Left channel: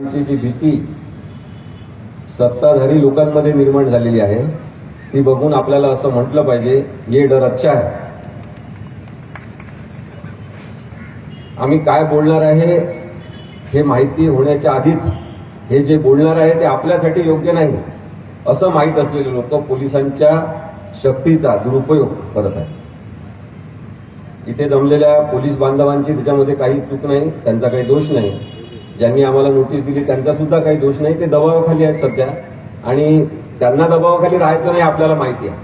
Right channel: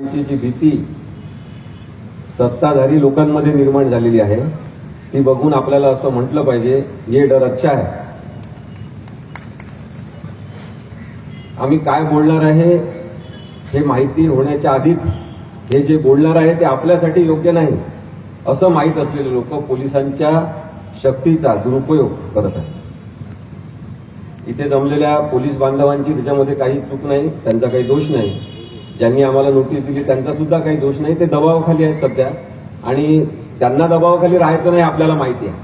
जी भीती सत्ताधारी लोकांमध्ये निर्माण झालेली आहे ती बघून आपल्याला असं म्हटलं पाहिजे, ये डर अच्छा है. आम्ही काय बोलणार आहे हे माहिती होण्याच्या आधीच हे जे बोलणार आहे ते आपल्यासाठी योग्य नाही असं माहीत असलेले लोक पोलिसांच्या शक्तीचा दुरुपयोग करत आहेत. इथे जमलेल्या पोलीस बांधवांची त्याच्यामध्ये काही चूक नाही, त्यांचा काही दोष नाही. ज्यांनी आम्हाला नोटीस दिली त्यांचा सुद्धा काही दोष नाही. ते दबावाखाली आहेत सध्या आणि त्यांना दबावाखाली राहायचं नाही आपल्याला माहिती आहे.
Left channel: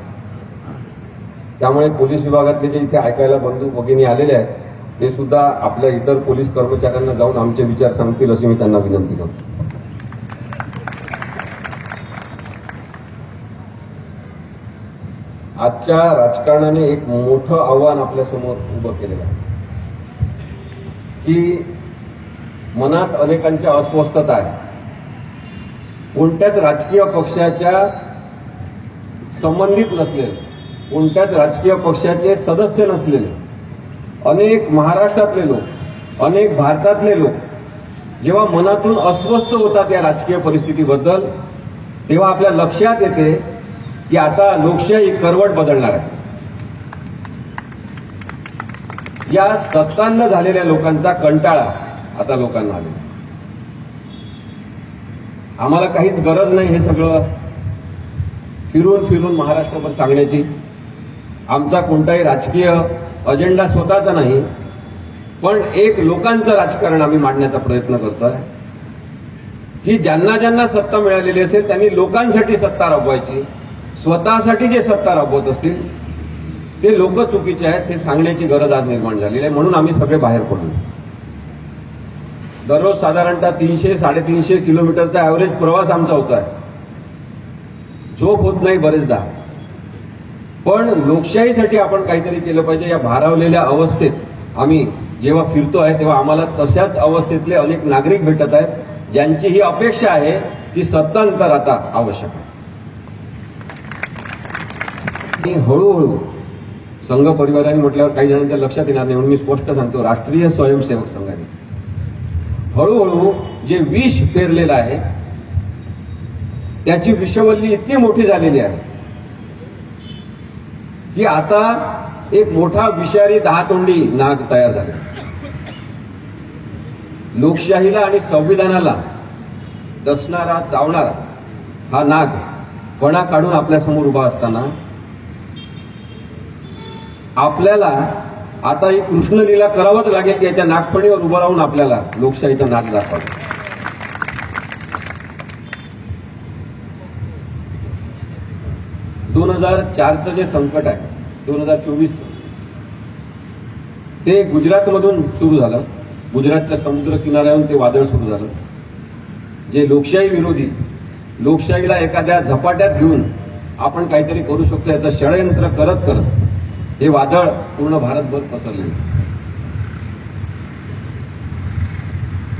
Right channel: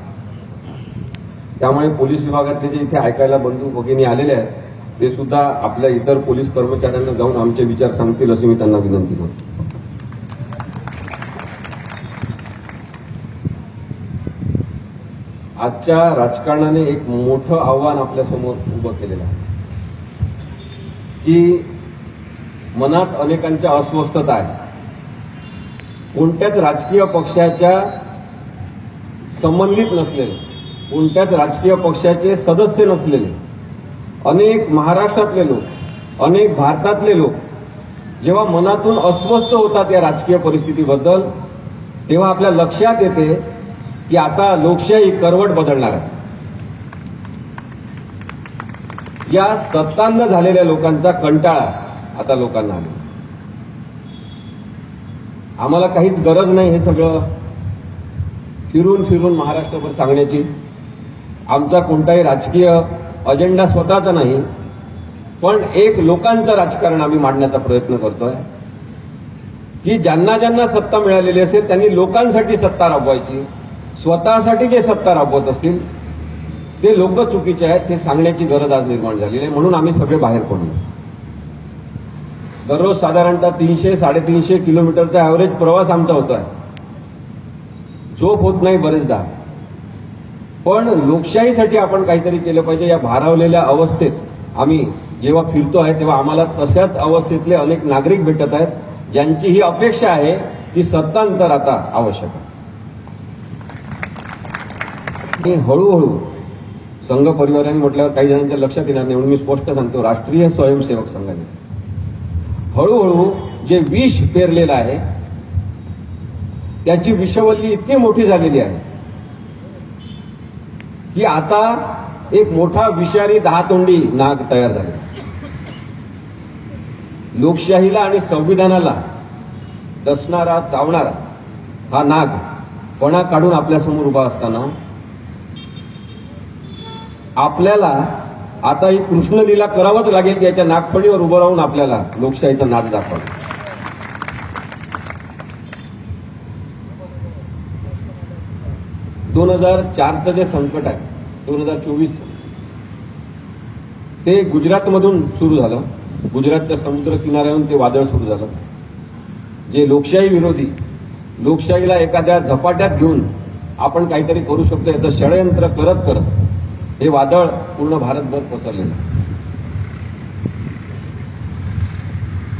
त्यामुळे पोलीस विभागातले जे इथे ऐकायला बंधू भगिनी आलेले आहेत ते सुद्धा आपल्या इतर पोलीस कर्मचाऱ्यांना जाऊन आमचे विचार सांगतील अशी मी त्यांना विनंती करतो. आजच्या राजकारणाने एक मोठं आव्हान आपल्यासमोर उभं केलेलं आहे की मनात अनेकांच्या अस्वस्थता आहे. कोणत्याच राजकीय पक्षाच्या संबंधित नसलेले, कोणत्याच राजकीय पक्षाचे सदस्य नसलेले अनेक महाराष्ट्रातले लोक, अनेक भारतातले लोक जेव्हा मनातून अस्वस्थ होतात या राजकीय परिस्थितीबद्दल, तेव्हा आपल्या लक्षात येते की आता लोकशाही करवट बदलणार आहे. या सत्तांना झालेल्या लोकांचा कंटाळा आता लोकांना आले. आम्हाला काहीच गरज नाही हे सगळं फिरून फिरून महाराष्ट्रभर सांगण्याची. आमचा कोणताही राजकीय अजेंडा स्वतःचा नाही, पण एक लोकांचं राजकारण आम्ही मांडण्याचा प्रयत्न करतोय की ज्यांना ज्यांना सत्ता मिळालेली असेल त्यांनी लोकांसाठी सत्ता राबवायची. स्वतःसाठी जे सत्ता राबवत असतील ते लोक चुकीचे आहेत हे सांगण्याची गरज आज निर्माण झालेली आहे. म्हणून आम्ही सगळे बाहेर पडलो. दररोज साधारणतः 300-350 किलोमीटरचा ॲव्हरेज प्रवास आमचा होतोय. झोप होत नाही बरेचदा. पण लोकशाहीसाठी आपण काहीतरी केलं पाहिजे. या भारावलेल्या अवस्थेत आम्ही जेव्हा फिरतोय तेव्हा आम्हाला तशाच अवस्थेतले अनेक नागरिक भेटत आहेत ज्यांची ही अपेक्षा आहे की सत्तांतर आता आवश्यक आहे. ते हळूहळू संघ परिवाराने म्हटल्यावर काही जणांच्या लक्षात येणार नाही म्हणून मी स्पष्ट सांगतो, राष्ट्रीय स्वयंसेवक संघाने हळूहळू जे विष पेरलेलं आहे त्याची विषवल्ली इतकी मोठी झालेली आहे की आता एक मोठा विषारी दहातोंडी नाग तयार झाला. लोकशाहीला आणि संविधानाला डसणारा, चावणारा हा नाग पणा काढून आपल्यासमोर उभा असताना आपल्याला आता ही कृष्णलीला करावंच लागेल की याच्या नागफणीवर उभं राहून आपल्याला लोकशाहीचं नाग दाखवावं. 2004चं जे संकट आहे 2024 ते गुजरातमधून सुरू झालं. गुजरातच्या समुद्र किनाऱ्यावरून ते वादळ सुरू झालं. जे लोकशाही विरोधी, लोकशाहीला एखाद्या झपाट्यात घेऊन आपण काहीतरी करू शकतो याचं षडयंत्र करत करत हे वादळ पूर्ण भारतभर पसरले.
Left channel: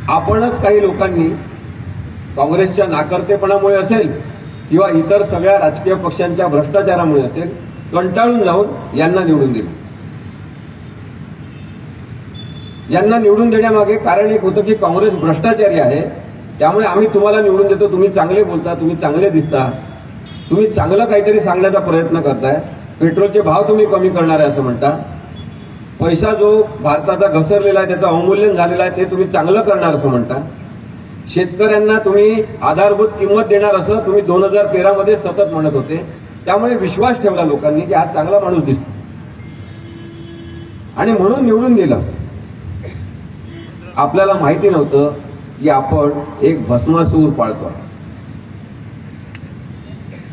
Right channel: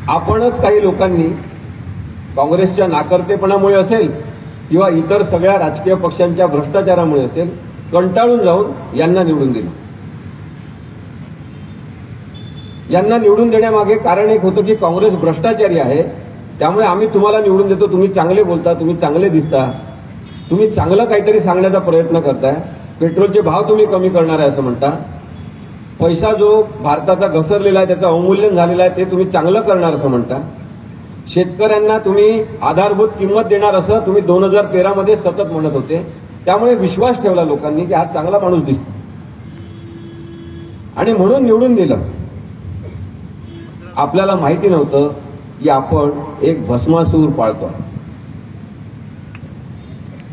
आपणच काही लोकांनी काँग्रेसच्या नाकर्तेपणामुळे असेल किंवा इतर सगळ्या राजकीय पक्षांच्या भ्रष्टाचारामुळे असेल कंटाळून जाऊन यांना निवडून दिलं. यांना निवडून देण्यामागे कारण एक होतं की काँग्रेस भ्रष्टाचारी आहे, त्यामुळे आम्ही तुम्हाला निवडून देतो. तुम्ही चांगले बोलता, तुम्ही चांगले दिसता, तुम्ही चांगलं काहीतरी सांगण्याचा प्रयत्न करताय. पेट्रोलचे भाव तुम्ही कमी करणार आहे असं म्हणता. पैसा जो भारताचा घसरलेला आहे त्याचं अवमूल्यन झालेलं आहे ते तुम्ही चांगलं करणार असं म्हणता. शेतकऱ्यांना तुम्ही आधारभूत किंमत देणार असं तुम्ही 2013 मध्ये सतत म्हणत होते. त्यामुळे विश्वास ठेवला लोकांनी की हा चांगला माणूस दिसतो आणि म्हणून निवडून दिलं. आपल्याला माहिती नव्हतं की आपण एक भस्मासूर पाळतोय.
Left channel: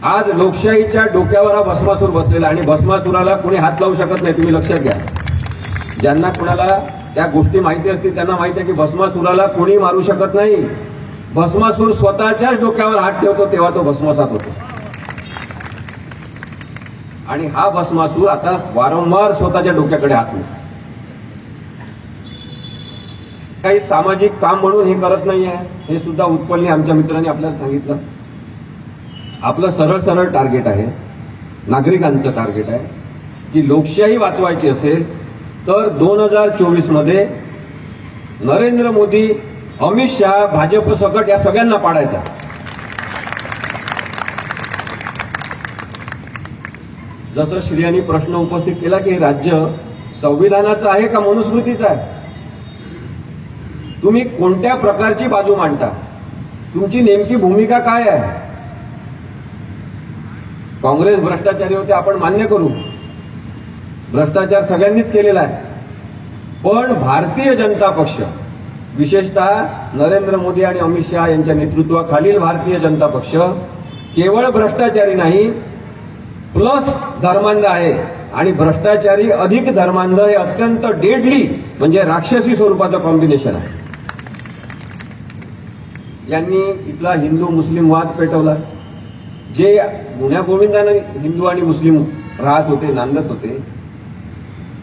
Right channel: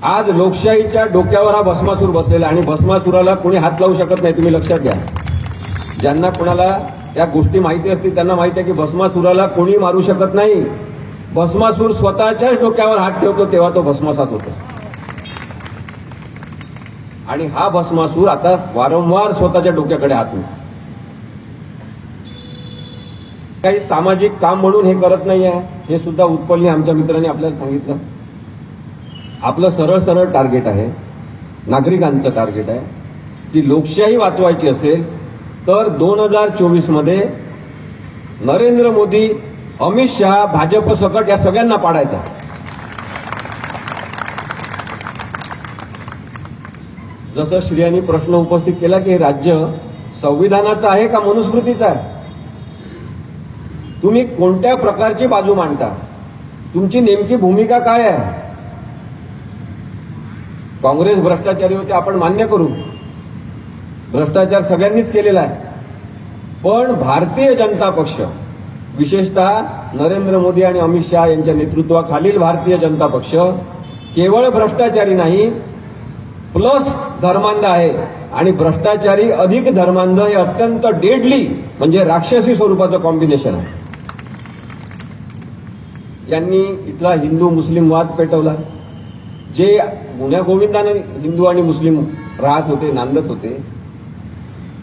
आज लोकशाहीच्या डोक्यावर हा भस्मासूर बसलेला आणि भस्मासुराला कोणी हात लावू शकत नाही. तुम्ही लक्षात घ्या. ज्यांना कोणाला त्या गोष्टी माहिती असतील त्यांना माहिती आहे की भस्मासुराला कोणी मारू शकत नाही. भस्मासूर स्वतःच्याच डोक्यावर हात ठेवतो तेव्हा तो भस्मसात होतो. आणि हा भस्मासूर आता वारंवार स्वतःच्या डोक्याकडे हात लावतो. काही सामाजिक काम म्हणून हे करत नाही आहे हे सुद्धा उत्पलने आमच्या मित्रांनी आपल्याला सांगितलं. आपलं सरळ सरळ टार्गेट आहे, नागरिकांचं टार्गेट आहे की लोकशाही वाचवायची असेल तर 2024 मध्ये नरेंद्र मोदी अमित शहा, भाजप सकट या सगळ्यांना पाडायचा. जसं श्रियांनी प्रश्न उपस्थित केला की हे राज्य संविधानाचं आहे का मनुस्मृतीचं आहे, तुम्ही कोणत्या प्रकारची बाजू मांडता, तुमची नेमकी भूमिका काय आहे. काँग्रेस भ्रष्टाचारी होते आपण मान्य करू, भ्रष्टाचार सगळ्यांनीच केलेला आहे. पण भारतीय जनता पक्ष, विशेषतः नरेंद्र मोदी आणि अमित शहा यांच्या नेतृत्वाखालील भारतीय जनता पक्ष केवळ भ्रष्टाचारी नाही, प्लस धर्मांध आहे. आणि भ्रष्टाचारी अधिक धर्मांध हे अत्यंत डेडली म्हणजे राक्षसी स्वरूपाचं कॉम्बिनेशन आहे. यांनी इथला हिंदू मुस्लिम वाद पेटवला. जे गुण्या गोविंदानं हिंदू आणि मुस्लिम राहत होते, नांदत होते,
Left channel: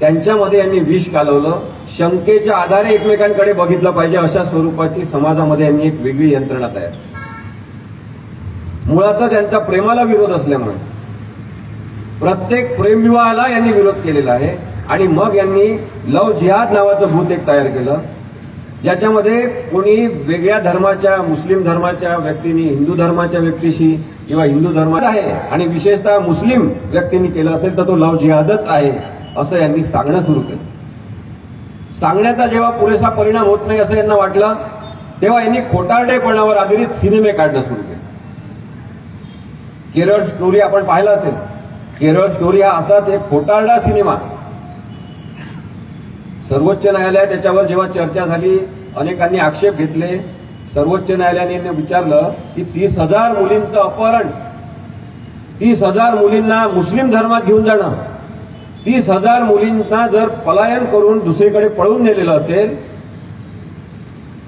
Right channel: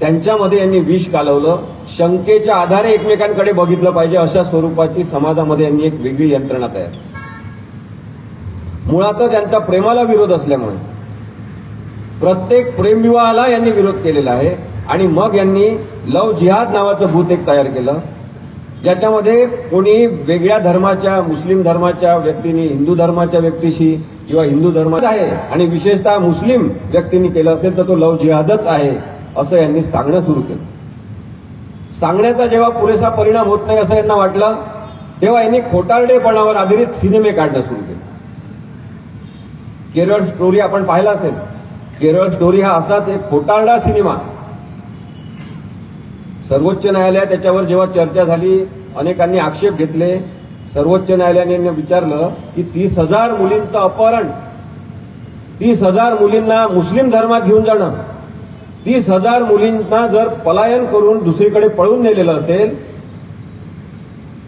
त्यांच्यामध्ये यांनी विष कालवलं. शंकेच्या आधारे एकमेकांकडे बघितलं पाहिजे अशा स्वरूपाची समाजामध्ये यांनी एक वेगळी यंत्रणा तयार. मुळातच यांचा प्रेमाला विरोध असल्यामुळे प्रत्येक प्रेमविवाहाला यांनी विरोध केलेला आहे. आणि मग यांनी लव जिहाद नावाचं भूत एक तयार केलं, ज्याच्यामध्ये कोणी वेगळ्या धर्माच्या, मुस्लिम धर्माच्या व्यक्तींनी हिंदू धर्माच्या व्यक्तीशी किंवा हिंदू धर्माचा आहे आणि विशेषतः मुस्लिम व्यक्तींनी केलं असेल तर तो लव जिहादच आहे असं यांनी सांगणं सुरू केलं. सांगण्याचा जेव्हा पुरेसा परिणाम होत नाही असं यांना वाटलं, तेव्हा यांनी खोटारडेपणावर आधारित सिनेमे काढणं सुरू केले. केरळ स्टोरी आपण पाहिला असेल. केरळ स्टोरी हा असाच एक खोटारडा सिनेमा. सर्वोच्च न्यायालयात त्याच्यावर जेव्हा चर्चा झाली, अनेकांनी आक्षेप घेतले. सर्वोच्च न्यायालयाने विचारलं की 30,000 मुलींचं अपहरण, 30,000 मुलींना मुस्लिम धर्मात घेऊन जाणं, 30,000 मुलींना जर पलायन करून दुसरीकडे पळून नेलेलं असेल,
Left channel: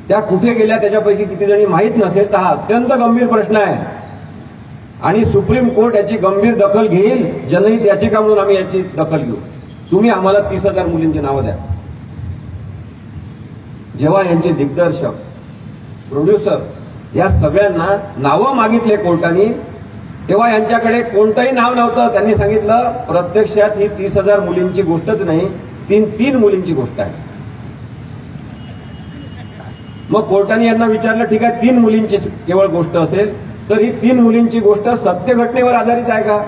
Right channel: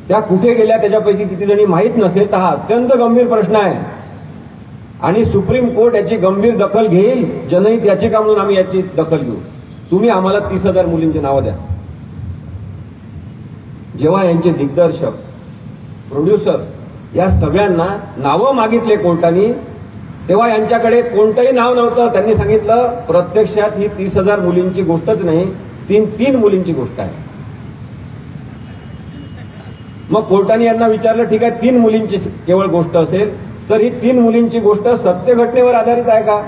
त्या कुठे गेल्या त्याच्यापैकी किती जणी माहीत नसेल, तर हा अत्यंत गंभीर प्रश्न आहे. आणि सुप्रीम कोर्ट याची गंभीर दखल घेईल. जनहित याचिका म्हणून आम्ही याची दखल घेऊ. तुम्ही आम्हाला 30,000 मुलींची नावं द्या. जेव्हा यांचे दिग्दर्शक, प्रोड्युसर या सगळ्यांना नावं मागितले कोर्टाने, तेव्हा यांच्याकडे कोणतंही नाव नव्हतं. त्यांनी सांगितलं प्रत्यक्षात ही 30,000 मुलींची गोष्टच नाही, तीन मुलींची गोष्ट आहे. मग कोर्टाने यांना विचारलं, ठीक आहे 3 मुलींची केवळ गोष्ट असेल तर ही 3 मुलींची गोष्ट सत्य घटनेवर आधारित आहे का.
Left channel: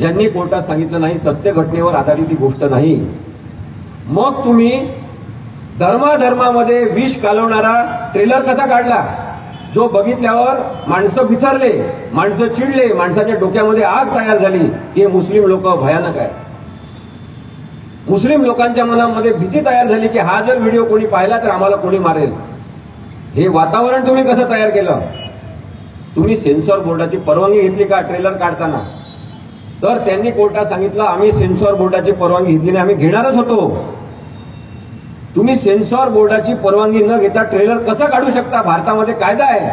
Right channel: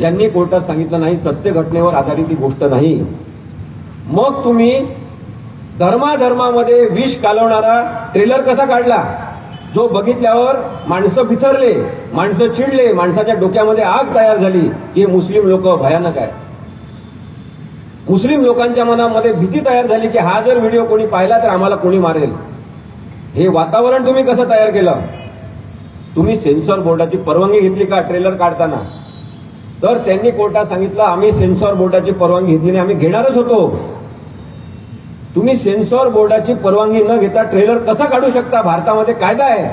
यांनी कोर्टात सांगितलं नाही, सत्य घटनेवर आधारित ही गोष्ट नाही. मग तुम्ही धर्माधर्मामध्ये विष कालवणारा ट्रेलर कसा काढला, जो बघितल्यावर माणसं बिथरले, माणसं चिडले, माणसाच्या डोक्यामध्ये आग तयार झाली की मुस्लिम लोक भयानक आहे. मुस्लिम लोकांच्या मनामध्ये भीती तयार झाली की हा जर व्हिडिओ कोणी पाहिला तर आम्हाला कोणी मारेल. हे वातावरण तुम्ही कसं तयार केलं. तुम्ही सेन्सॉर बोर्डाची परवानगी घेतली का ट्रेलर काढताना. तर त्यांनी कोर्टात सांगितलं आम्ही सेन्सॉर बोर्डाची परवानगी घेतली नाही, आम्ही घेणारच होतो. तुम्ही सेन्सॉर बोर्डाची परवानगी न घेता ट्रेलर कसा काढू शकता. भारतामध्ये कायदा आहे.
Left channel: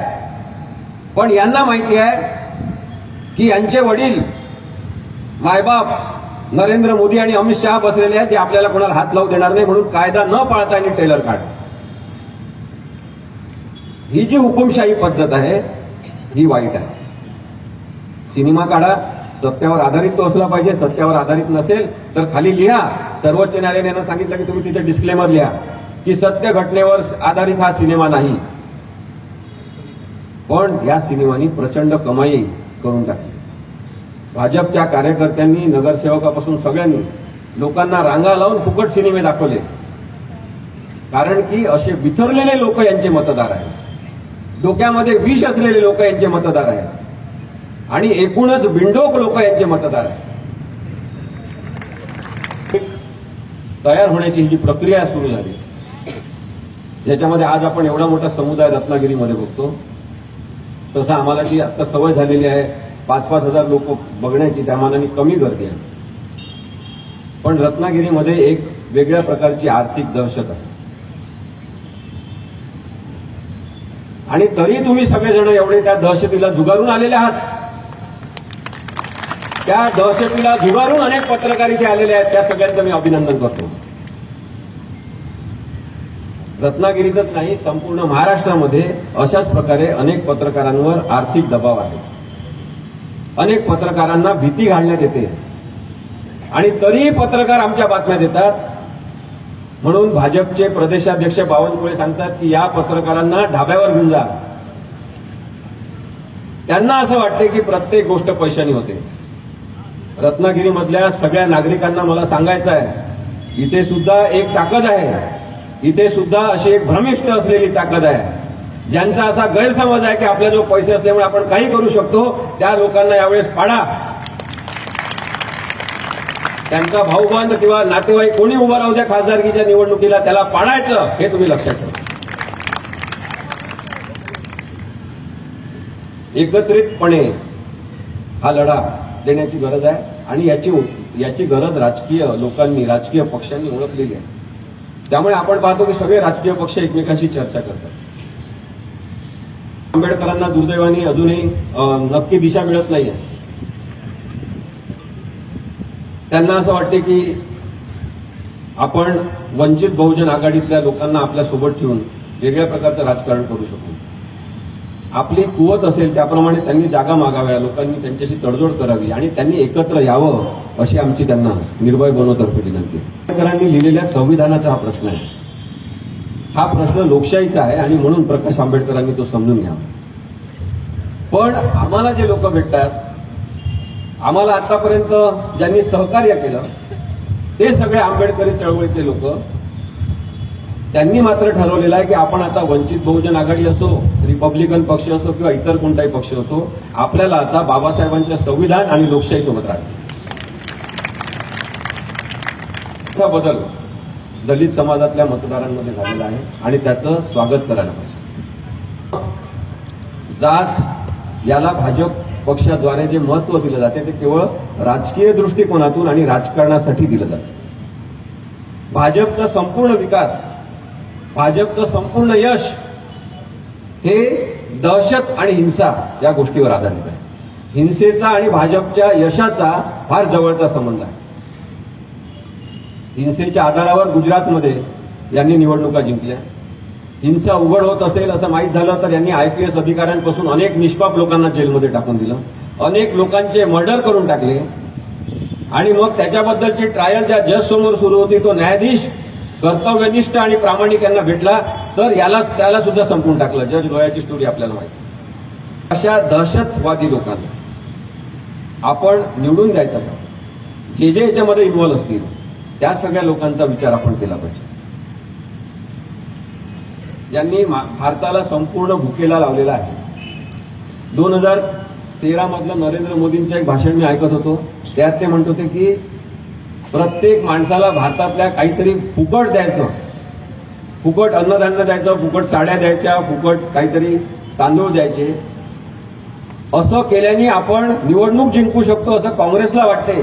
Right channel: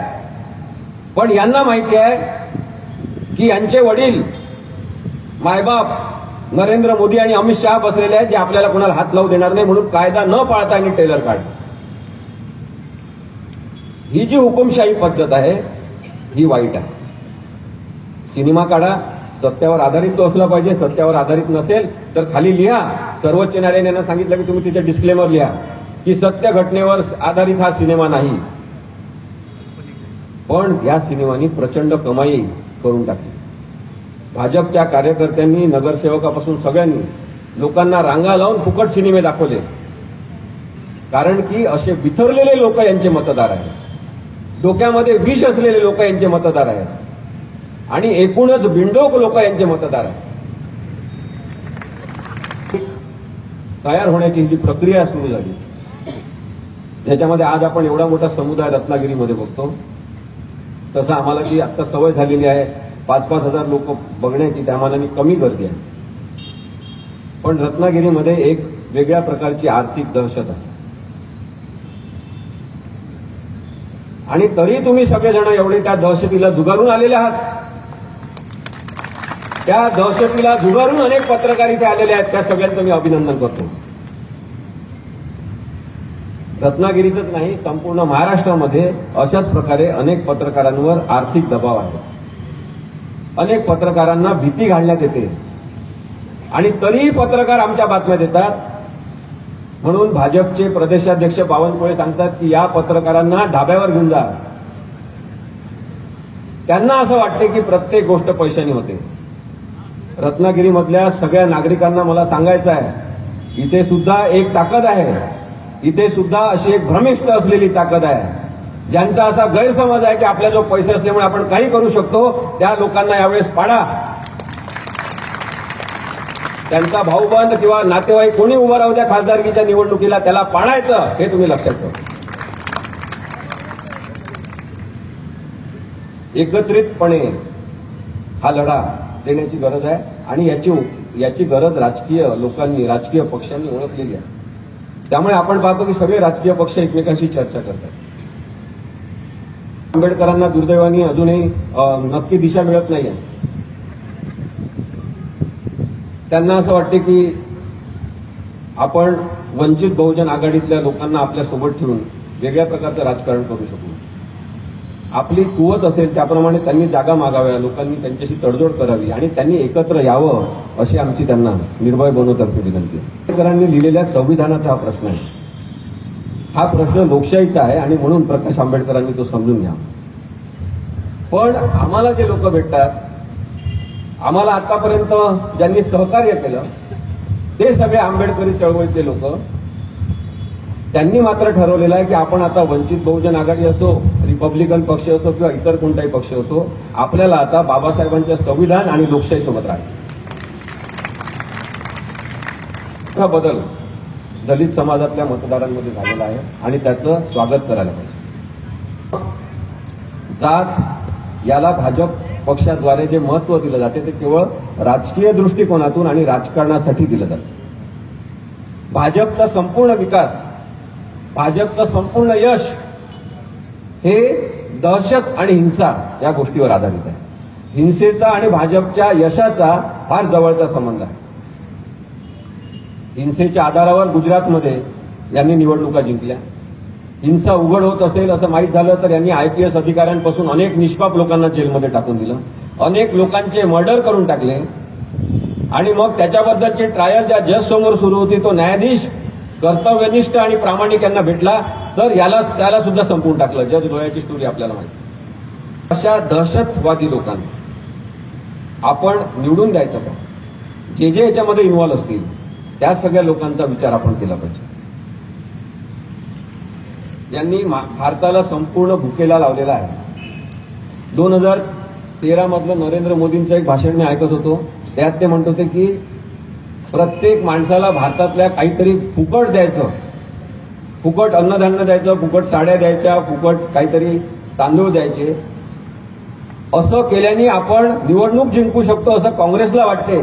पण यांना माहिती आहे की यांचे वडील, मायबाप नरेंद्र मोदी आणि अमित शहा बसलेले आहेत, जे आपल्याला कोणाला हात लावू देणार नाही, म्हणून कायदा न पाळता यांनी ट्रेलर काढ. ही जी हुकुमशाही पद्धत आहे ही वाईट आहे. सिनेमा काढा, सत्यावर आधारित तो असला पाहिजे. सत्यावर आधारित नसेल तर खाली लिहा. सर्वोच्च न्यायालयाने यांना सांगितलं की तुम्ही तिथे डिस्क्लेमर लिहा की सत्य घटनेवर आधारित हा सिनेमा नाही. पण या सिनेमानी प्रचंड कमाई करून टाकली. भाजपच्या कार्यकर्त्यांनी, नगरसेवकापासून सगळ्यांनी लोकांना रांगा लावून फुकट सिनेमे दाखवले. कारण की असे बिथरलेले लोक यांचे मतदार आहेत, डोक्यामध्ये विष असलेले लोक यांचे मतदार आहेत आणि एकूणच बिंडोक लोक यांचे मतदार आहेत. तयार होण्याची जी प्रक्रिया सुरू झाली, ज्याच्यामध्ये आज आपण एवढा मोठा समुदाय रत्नागिरीमध्ये बघतो, तसं आम्हाला जी आता सवय झालेली आहे 5-5 हजार लोक बघण्याची, त्या मानाने कमी गर्दी आहे. पण रत्नागिरीमध्ये एक वेगळ्या प्रकारची आर्थिक दहशत आहे. आणि तरी तुम्ही सगळेजण एवढे त्या दहशतीला झुगारून आलेले आहात. त्या दहशतीला झुगारून अनेक पत्रकार इथे आलेले आहेत. त्या सगळ्यांचं मी अभिनंदन करतो. रत्नागिरीतच नाही, संपूर्ण महाराष्ट्रामध्ये अशाच प्रकारे अनेक पत्रकारांवर आर्थिक दबाव आहे. अनेक पत्रकारांना भीती घालण्यात येते आणि तरीही पत्रकार आमच्या बातम्या देतात. म्हणून भाजपचे प्रदेशाध्यक्ष बावनकुळे सांगतात की या पत्रकारांना ढाब्यावर घेऊन जा. त्यांना असं वाटते की प्रत्येक गोष्ट पैशाने होते. रत्नागिरीमधल्या सगळ्या नागरिकांना मला सांगायचं आहे, इथे सुद्धा एक ताकद आहे. इथे सुद्धा अशी एक भ्रमिष्ट असलेली ताकद आहे. ज्यांचा असा गैरसमज आहे की आपल्याजवळ पैसे असल्यामुळे आपण काही करू शकतो, त्या लोकांना यावेळेस पाडा. त्यांचा भाऊबंद किंवा नातेवाईक कोणी उभा राहू द्या खासदारकीच्या निवडणुकीला, त्याला पाडायचं हे तुम्ही लक्षात ठेवा. एकत्रितपणे हा लढा देण्याची गरज आहे आणि याची गरज राजकीय लोकांनी, राजकीय पक्षांनी ओळखलेली आहे. त्यामुळे आपण पाहतो की सगळे राजकीय पक्ष एकमेकांशी चर्चा करतात. आंबेडकरांना दुर्दैवाने अजूनही नक्की दिशा मिळत नाहीये. त्यांना असं वाटते की आपण वंचित बहुजन आघाडीतल्या लोकांना आपल्या सोबत ठेवून वेगळ्या प्रकारचं राजकारण करू शकू. आपली कुवत असेल त्याप्रमाणे त्यांनी जागा मागाव्या, लोकांनी त्यांच्याशी तडजोड करावी आणि त्यांनी एकत्र यावं अशी आमची त्यांना निर्भय बनवतर्फे विनंती. आंबेडकरांनी लिहिलेल्या संविधानाचा हा प्रश्न आहे. हा प्रश्न लोकशाहीचा आहे आणि म्हणून प्रकाश आंबेडकरांनी तो समजून घ्यावा. पण आम्हाला जे लोक भेटतात, आम्हाला आतापर्यंत ज्यांनी सहकार्य केलं ते सगळे आंबेडकरी चळवळीतले लोक, त्यांनी मात्र ठरवलेलं आहे की आपण आता वंचित बहुजन आघाडी असो, रिपब्लिकन पक्ष असो किंवा इतर कोणताही पक्ष असो, आपल्याला आता बाबासाहेबांच्या संविधान आणि लोकशाहीसोबत राहायचं. हा बदल दलित समाजातल्या मतदारांमध्ये झालेला आहे आणि त्याचं स्वागत करायला पाहिजे. जात याला भाजप पक्षाद्वारे जे महत्व दिलं जाते ते केवळ राजकीय दृष्टिकोनातून आणि राजकारणासाठी दिलं जातं. भाजपचा संपूर्ण विकास, भाजपचं संपूर्ण यश हे दहशत आणि हिंसा या गोष्टीवर आधारित आहे. हिंसेचा आणि भाजपच्या यशाचा फार जवळचा संबंध आहे. हिंसेच्या आधारावर गुजरातमध्ये यांनी निवडणुका जिंकल्या. हिंसा उघड होत असेल असं माहीत झालं तर यांनी आयपीएस अधिकाऱ्यांपासून अनेक निष्पाप लोकांना जेलमध्ये टाकून दिलं, अनेक लोकांचे मर्डर करून टाकले आणि मग त्याच्याबद्दलची ट्रायल ज्या जज समोर सुरू होती तो न्यायाधीश कर्तव्यनिष्ठ आणि प्रामाणिक यांना भेटला तर त्याला सुद्धा संपवून टाकलं. जज लोयाची स्टोरी आपल्याला माहिती. अशा दहशतवादी लोकांना आपण निवडून द्यायचं का? जे याच्यामध्ये इन्व्हॉल्व्ह असतील त्या सगळ्या लोकांचा विचार आपण केला पाहिजे. यांनी भारताला संपूर्ण भुकेला लावलेला आहे. 2013 मधलं नरेंद्र मोदींचं एक भाषण मी ऐकत होतो. त्यात ते म्हणत होते की प्रत्येक माणसाला भारतातल्या काहीतरी फुकट द्यायचं, फुकट अन्नधान्य द्यायचं, फुकट साड्या द्यायच्या, फुकट काहीतरी तांदूळ द्यायचे. असं केल्याने आपण निवडणूक जिंकू शकतो असं काँग्रेसला वाटते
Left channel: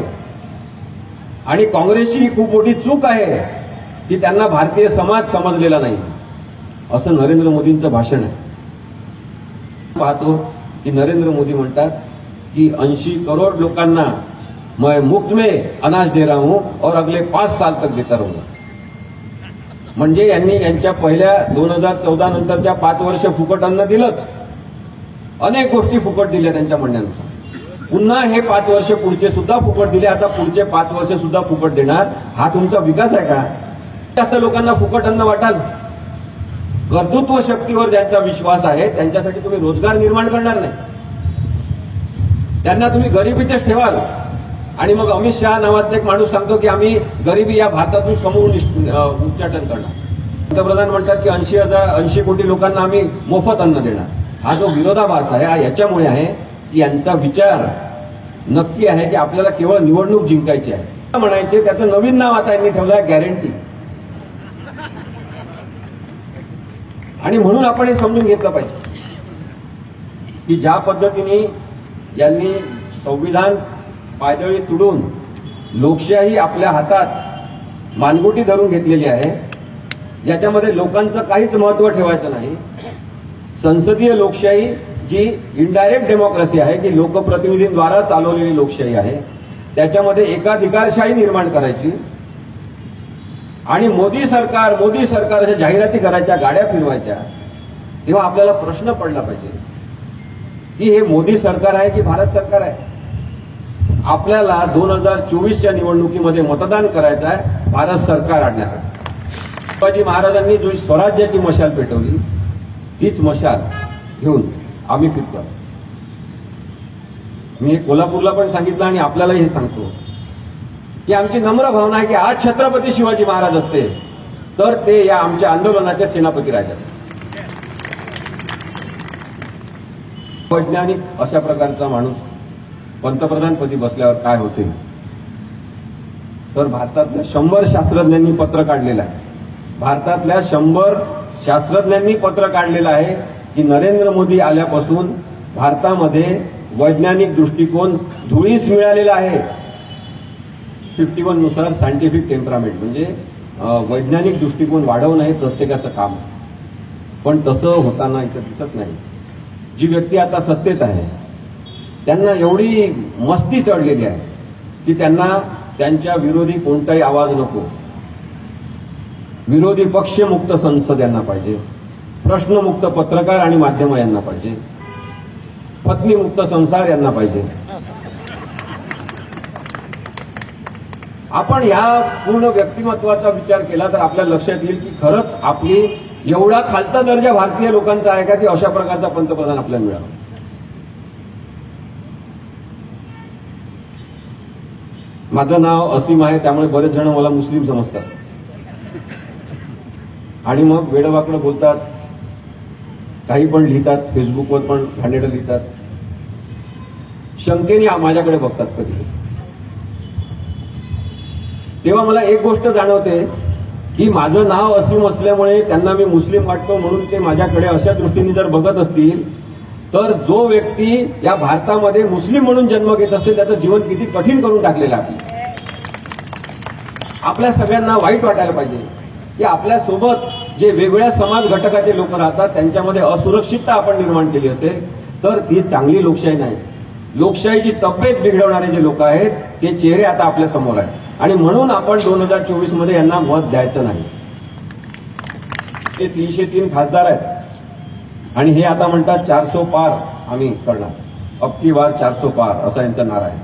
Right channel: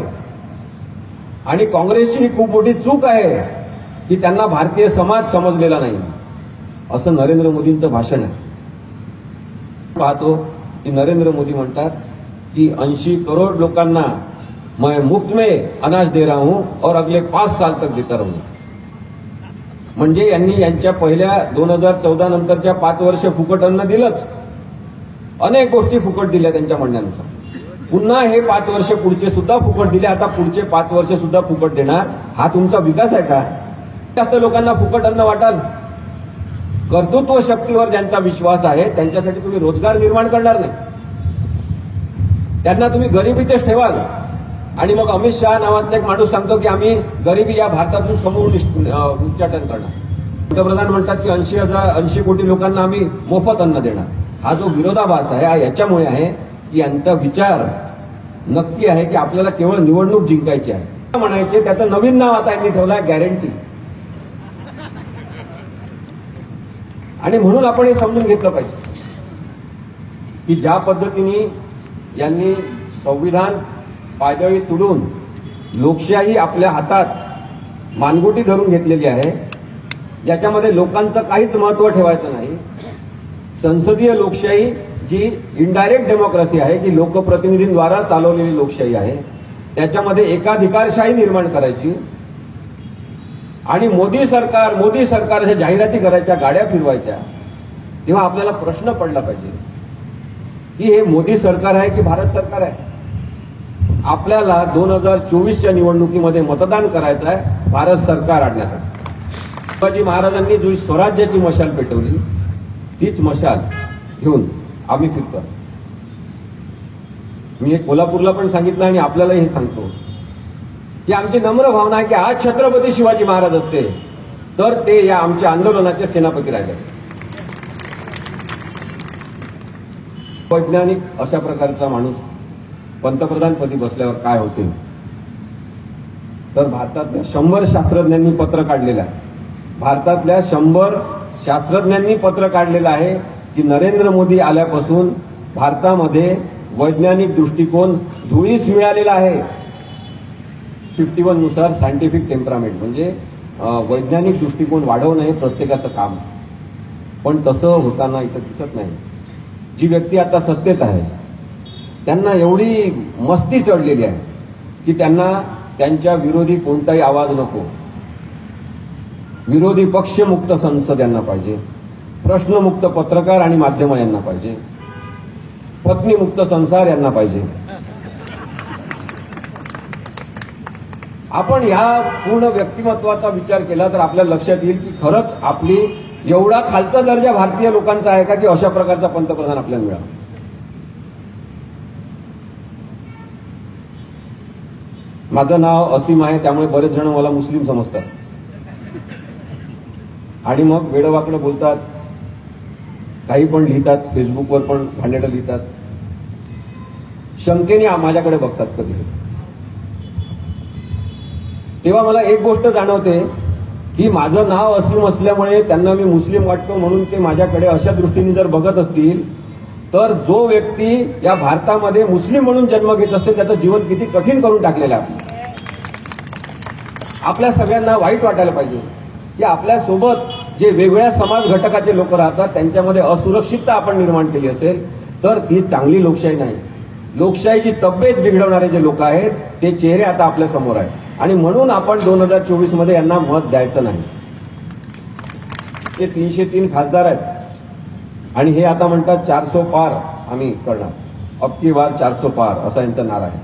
आणि काँग्रेसची खूप मोठी चूक आहे की त्यांना भारतीय समाज समजलेला नाही असं नरेंद्र मोदींचं भाषण आहे. पाहतो की नरेंद्र मोदी म्हणतात की 80 करोड लोकांना मैं मुफ्त में अनाज दे रहा हूं और अगले 5 साल तक देता रहूंगा. म्हणजे यांनी यांच्या पहिल्या 2014 नंतरच्या 5 वर्ष फुकट अन्न दिलंच, अनेक गोष्टी फुकट दिल्या त्यांच्या म्हणण्यानुसार. पुन्हा हे 5 वर्ष पुढचे सुद्धा फुकट दिले, आता पुढचे 5 वर्ष सुद्धा फुकट देणार. हा तुमचा विकास आहे का? जास्त लोकांना फुकट अन्न वाटाल. कर्तृत्व शक्तीवर ज्यांचा विश्वास आहे त्यांच्यासाठी तुम्ही रोजगार निर्माण करणार नाही, त्यांना तुम्ही गरिबीतच ठेवाल. आणि मग अमित शहा नावातला एक माणूस सांगतो की आम्ही गरिबी या भारतातून समूळ उच्चाटन करणार. पंतप्रधान म्हणतात की 80 कोटी लोकांना आम्ही मोफत अन्न देणार. हा जो विरोधाभास आहे हा याच्यामुळे आहे की यांचा विचार नक्की आहे की आपल्याला केवळ निवडणूक जिंकायची आहे म्हणायचे. त्याचं नवीन नाव आता यांनी ठेवलं आहे गॅरंटी. आणि म्हणून आपण हे समजून घेतलं पाहिजे की ज्या पद्धतीने यांनी संविधान पायदळी तुडून लोकशाही आपल्या हातात मानगुटी धरून घेतलेली आहे, ज्याच्यामध्ये लोकांचं काहीच महत्व ठेवायचं नाही. संसदीय लोकशाही जी इनडायरेक्ट डेमोक्रेसी आहे, की लोकप्रतिनिधींद्वारा चालवलेली लोकशाही आहे, त्याच्यामध्ये एकाधिकारशाही निर्माण करायची आणि मोदी सरकार अशा जाहिराती करायच्या, गाड्या फिरवायच्या. तेव्हा आपल्याला प्रश्न पडला पाहिजे की हे मोदी सरकार आहे की भारत सरकार आहे? आपल्याला 2024च्या निवडणुकीमध्ये मतदान करायचं आहे भारत सरकार आणण्यासाठी. शिवाजी महाराजांनी जो स्वराज्याची मशाल पेटवली तीच मशाल घेऊन आम्ही फिरतो. मी कोल्हापूरला पण सांगितलं आणि आपल्यालाही हे सांगतो की आमची नम्र भावना आहे की आज छत्रपती शिवाजी महाराज असते तर ते या आमच्या आंदोलनाचे सेनापती राजे असते. वैज्ञानिक अशा प्रकारचा माणूस पंतप्रधानपदी बसल्यावर काय होते तर भारतातल्या 100 शास्त्रज्ञांनी पत्र काढलेलं आहे. भारतातल्या 100 शास्त्रज्ञांनी पत्र काढलेलं आहे की नरेंद्र मोदी आल्यापासून भारतामध्ये वैज्ञानिक दृष्टिकोन धुळीस मिळालेला आहे. 51 नुसार सायंटिफिक टेम्परामेंट म्हणजे वैज्ञानिक दृष्टिकोन वाढवणं हे प्रत्येकाचं काम, पण तसं होताना इथं दिसत नाही. जी व्यक्ती आता सत्तेत आहे त्यांना एवढी मस्ती चढलेली आहे की त्यांना त्यांच्या विरोधी कोणताही आवाज नको. विरोधी पक्षमुक्त संसद यांना पाहिजे, प्रश्नमुक्त पत्रकार आणि माध्यम यांना पाहिजे, पत्नीमुक्त संसार यांना पाहिजे. आपण या पूर्ण व्यक्तिमत्वाचा विचार केला तर आपल्याला लक्षात येईल की खरंच आपली एवढा खालचा दर्जा भारतीय लोकांचा आहे का की अशा प्रकारचा पंतप्रधान आपल्याला मिळाला. माझं नाव असीम आहे त्यामुळे बरेच जण मला मुस्लिम समजतात आणि मग वेडवाकडे बोलतात, काही पण लिहितात, फेसबुकवर पण भांडेडं लिहितात, शंकेने माझ्याकडे बघतात कधी. तेव्हा मला एक गोष्ट जाणवते की माझं नाव असीम असल्यामुळे त्यांना मी मुस्लिम वाटतो म्हणून ते माझ्याकडे अशा दृष्टीने जर बघत असतील तर जो व्यक्ती या भारतामध्ये मुस्लिम म्हणून जन्म घेत असते त्याचं जीवन किती कठीण करून टाकलेलं आहे. आपल्या सगळ्यांना वाईट वाटायला पाहिजे की आपल्यासोबत जे वेगवेगळ्या समाज घटकाचे लोक राहतात त्यांच्यामध्ये असुरक्षितता आपण निर्माण केली असेल तर ती चांगली लोकशाही नाही. लोकशाहीची तब्येत बिघडवणारे जे लोक आहेत ते चेहरे आता आपल्या समोर आहेत आणि म्हणून आपण 2024 मध्ये यांना मत द्यायचं नाही. ते 303 खासदार आहेत आणि हे आता म्हणतात 400 पार आम्ही करणार, अबकी बार 400 पार असा यांचा नारा आहे.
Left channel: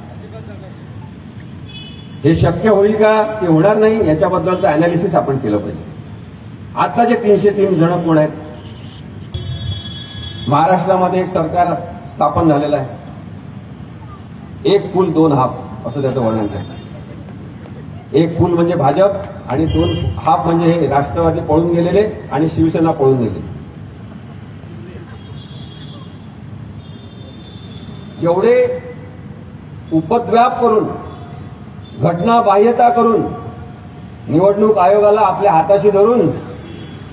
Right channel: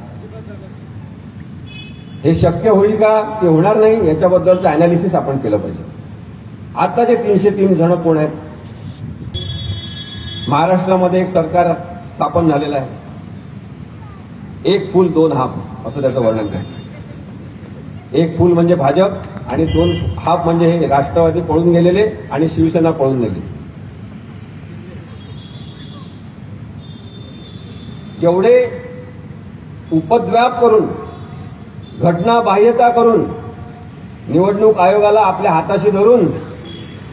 हे शक्य होईल का ते होणार नाही याच्याबद्दलचं अनालिसिस आपण केलं पाहिजे. आता जे 303 जण कोण आहेत? महाराष्ट्रामध्ये एक सरकार स्थापन झालेलं आहे. एक फूल दोन हाप असं त्याचं वर्णन आहे. एक फूल म्हणजे भाजप आणि दोन हाप म्हणजे हे राष्ट्रवादी पळून गेलेले आणि शिवसेना पळून गेले. जेवढे उपद्व्याप करून घटनाबाह्यता करून निवडणूक आयोगाला आपल्या हाताशी धरून